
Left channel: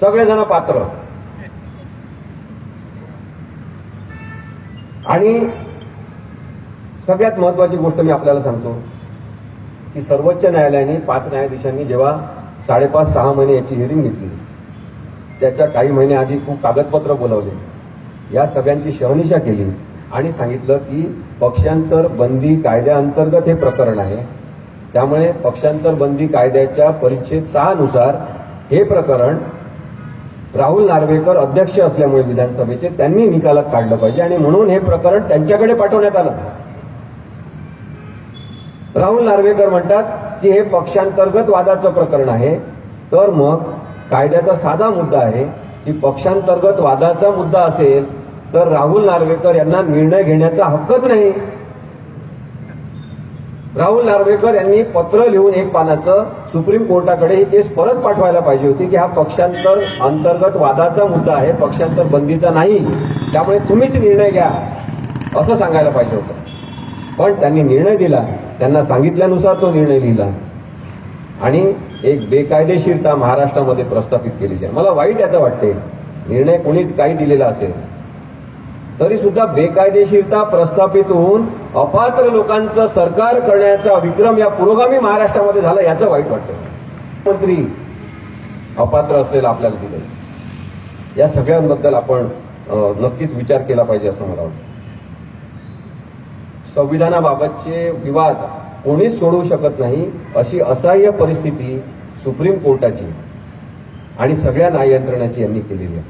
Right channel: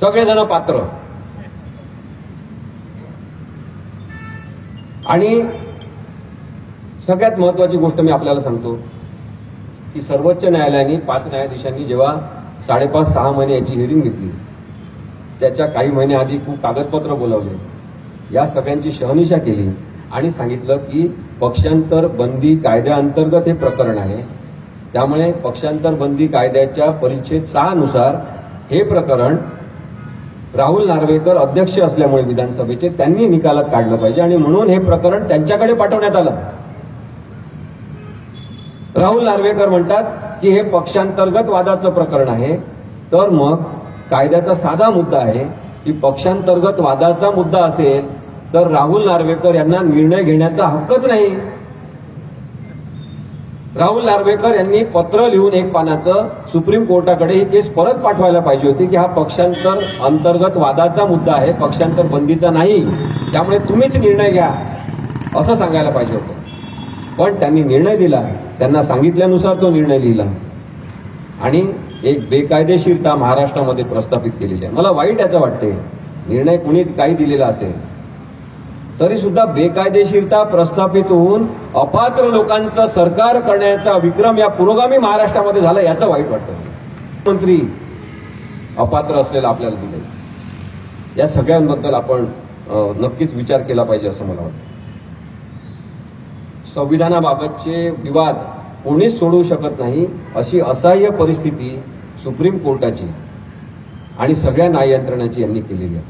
सगळेजण पात्र. आणि सगळ्यात महत्वाची गोष्ट मी आपल्याला सांगतो की सर्वोच्च न्यायालयाने 5 न्यायाधीशांनी जेव्हा 5.5-6 महिने याची हिअरिंग घेतली, त्याच्या काही महिने आधी खूप कागदपत्र बोलावले, या सगळ्यांची शहानिशा केली आणि सांगितलं की पक्षांतर बंदी कायद्याअंतर्गत हे प्रकरण आहे, त्यामुळे पक्षांतर बंदी कायद्याच्या परिच्छेद 6 नुसार हे प्रकरण राहुल नार्वेकर अध्यक्ष असल्यामुळे विधानसभेचे त्यांनी निकालात काढलं पाहिजे आणि म्हणून हे प्रकरण त्यांच्याकडे पाठवण्यात आलं. राहुल नार्वेकर म्हणतात की हे पक्षांतर्गत वादाचं प्रकरण आहे, तर मग कायद्याचा साधा मुद्दा आहे की पक्षांतर्गत वादाचा मुद्दा असेल तर राहुल नार्वेकर यांना निर्णय घेण्याचा हक्कच नाही. राहुल नार्वेकर यांनी पत्र लिहून 1 पानाचं सुप्रीम कोर्टाकडे ही केस परत पाठवायला पाहिजे होती की हा पक्षांतर अंतर्गत वादाचा मुद्दा आहे, पक्षांतर बंदीचा नाही, त्यामुळे तुम्हीच निर्णय घ्या असं सांगायला पाहिजे होतं. पण त्यांनी निर्णय दिला, त्यांना सांगितल्यानुसार तो निर्णय लिहिला आणि एक बेकायदेशीरता महाराष्ट्रामध्ये प्रस्थापित केलेली आहे. मला वाईट याचं वाटते, निर्णय कोणी काही दिलेला असेल तरी सुद्धा बेकायदेशीरता प्रस्थापित होऊन अपात्र लोकांचं सरकार करण्याचा विक्रम या पुरोगामी महाराष्ट्रामध्ये झाला, याचं वाईट वाटतं. मंत्री अपात्र असलेलं आपल्याला दिले, या सगळ्यांबद्दल आपण नक्कीच विचार केला पाहिजे असं मला वाटतं. संविधानाबाबतचे विवाद कोणीच सोडवू शकत नाही अशी असह्य परिस्थिती सुप्रीम कोर्टाची आणि सगळ्या न्याय यंत्रणेची यांनी केलेली आहे.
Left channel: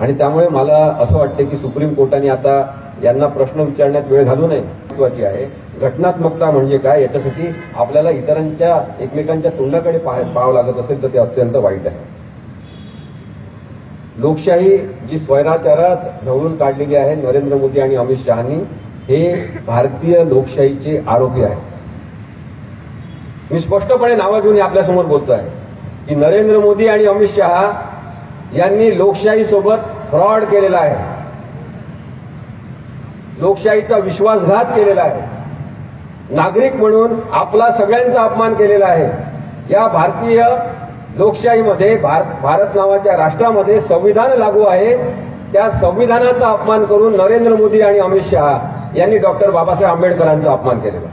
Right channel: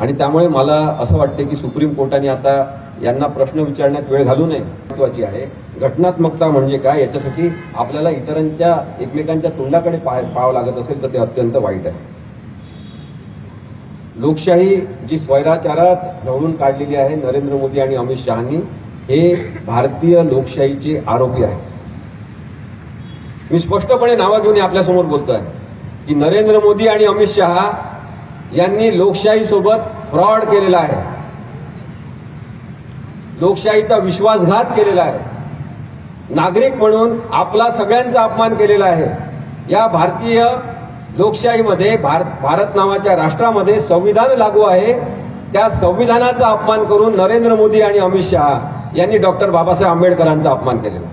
आणि त्यामुळे मला असं वाटतं की सुप्रीम कोर्टाने आता यांना प्रश्न विचारण्यात वेळ घालू नये. महत्वाची आहे. घटनात्मकता म्हणजे काय, याच्यासाठी आपल्याला इतरांच्या एकमेकांच्या तोंडाकडे पाहावं लागत असेल तर ते अत्यंत वाईट आहे. लोकशाही जी स्वैराचारात ढवळून काढलेली आहे नरेंद्र मोदी आणि अमित शहानी, हे भारतीय लोकशाहीचे आरोपी आहेत. मी स्पष्टपणे नावं घेऊन आपल्यासमोर बोलतोय की नरेंद्र मोदी आणि अमित शहा यांनी लोकशाहीसोबत फ्रॉड केलेला आहे, लोकशाहीचा विश्वासघात केलेला आहे, नागरिक म्हणून आपला सगळ्यांचा अपमान केलेला आहे. या भारतीय लोकशाहीमध्ये भारत नावाच्या राष्ट्रामध्ये संविधान लागू आहे, त्या संविधानाचा अपमान करून नरेंद्र मोदी आणि अमित शहा यांनी डॉक्टर बाबासाहेब आंबेडकरांचा अपमान केलेला.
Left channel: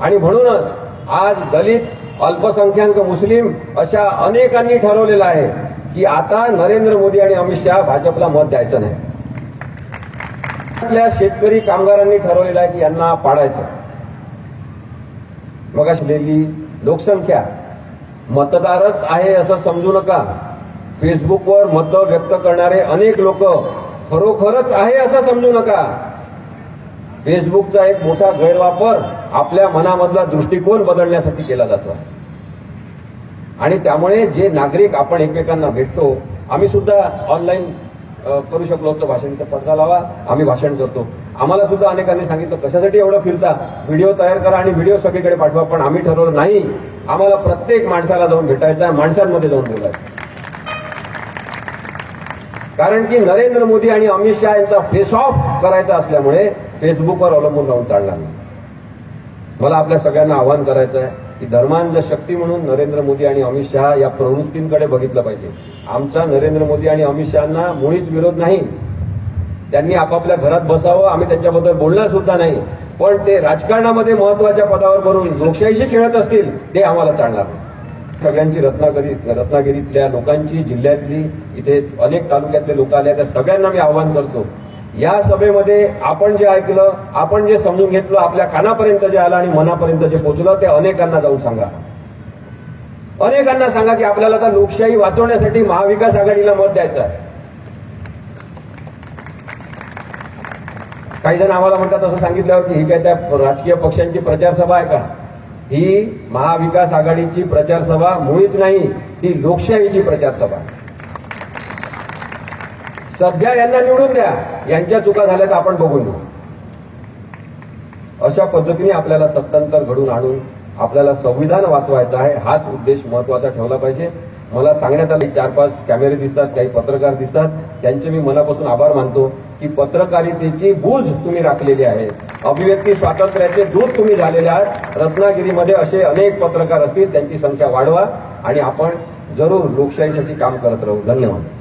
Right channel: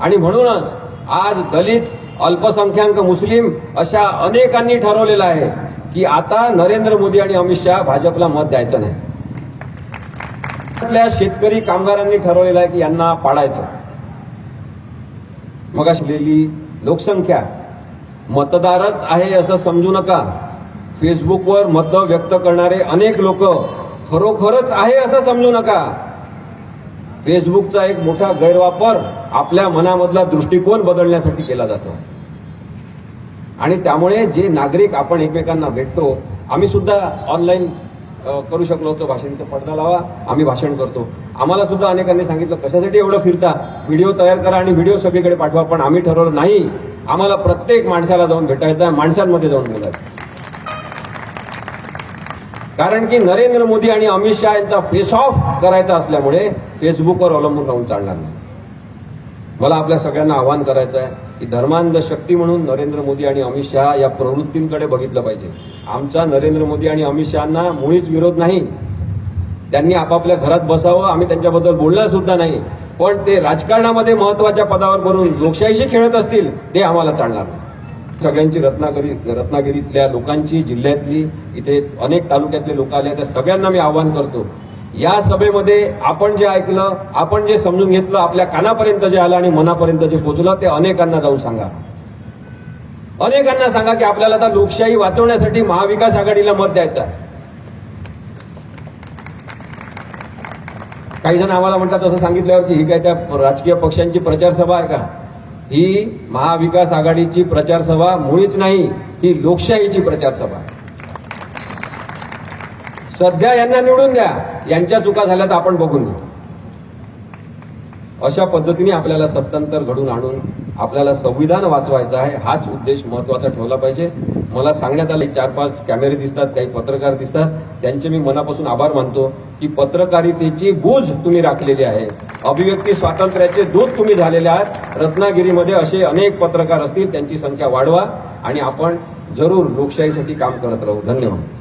आणि म्हणूनच आज दलित, अल्पसंख्याक, मुस्लिम अशा अनेकांनी ठरवलेलं आहे की आता नरेंद्र मोदी आणि अमित शहा भाजपला मत द्यायचं नाही. आपल्या शेतकरी कामगारांनी ठरवलेलं आहे की यांना पाडायचं. मग असलेली लोकसंख्या मतदारच आहे असं समजू नका. फेसबुकवर मतं व्यक्त करणारे अनेक लोक खरोखरच आहे असं समजू नका. फेसबुकचा एक मोठा गैरवापर आपल्या मनामधला दृष्टिकोन बदलण्यासाठी केला जातो. आणि त्यामुळे जे नागरिक आपण एकमेकांना भेटतो, आम्ही सुद्धा ऑनलाईन करू शकलो होतो भाषण, तर पडदा लावा, आम्ही भाषण करतो. आम्हाला सुद्धा अनेकांनी सांगितलं कशासाठी एवढं फिरता, व्हिडिओ तयार करा आणि व्हिडिओ सगळीकडे पाठवा. पण आम्ही ठरवलं नाही, आम्हाला प्रत्येक माणसाला जाऊन भेटायचं आहे, माणसांमध्ये जाऊन बोलायचं. कारण की नरेंद्र मोदी आणि अमित शहा यांचा फेस ऑफ करायचा असल्यामुळे फेसबुकवर अवलंबून राहून चालणार नाही. मला आपल्या सगळ्यांना आवाहन करायचं आहे की धर्मांध शक्ती म्हणून नरेंद्र मोदी आणि अमित शहा या प्रवृत्तींकडे बघितलं पाहिजे. आमचा नरेंद्र मोदी आणि अमित शहांना मुळीच विरोध नाही. त्यांनी आपापल्या घरात बसावं, आम्ही त्यांच्याबद्दल बोलणार सुद्धा नाही. पण ते राजकारणामध्ये महत्वाच्या पदावर करून लोकशाहीशी खेळत असतील ते आम्हाला चालणार नाही. सगळ्यांची रत्नागिरीतल्या लोकांची, जिल्ह्यातली, इथे अनेक तालुक्यातले लोक आले, त्या सगळ्यांना मी आवाहन करतो, या सभेमध्ये आपण जे ऐकलं, आपण जे समजून घेतलं, आपल्या कानापर्यंत जे आलं आणि मनापर्यंत जे पोहोचलं ते अनेकांना जाऊन सांगा. अनेकांना सांगा की आपल्याला आता लोकशाही वाचवण्यासाठी महाविकास आघाडीला मत द्यायचं आहे. काही जण आम्हाला म्हणतात असं सांगितल्यावर की ही काय त्या राजकीय पक्षांची प्रचार सभा आहे का? ही महाविकास आघाडीची प्रचार सभा मुळीच नाही, ही लोकशाहीची प्रचार सभा. सध्या यांना निवडून द्या, यांच्या चुका झाल्या तर आपण बघून घेऊ. अशा पद्धतीने आपल्याला सत्तांतर घडून आणून आपल्याला संविधान वाचवायचं आहे, हाच उद्देश महत्वाचा ठेवला पाहिजे. मला सांगण्यात आलं 4-5 कॅमेरे दिसतात, काही पत्रकार दिसतात, त्यांचे मी मनापासून आभार मानतो की पत्रकारितेची गूज तुम्ही राखलेली आहे, अभिव्यक्ती स्वातंत्र्याचे दूत तुम्ही झालेले आहात. रत्नागिरीमध्ये असे अनेक पत्रकार असतील, त्यांची संख्या वाढवा आणि आपण जरूर लोकशाहीसाठी काम करत राहू. धन्यवाद.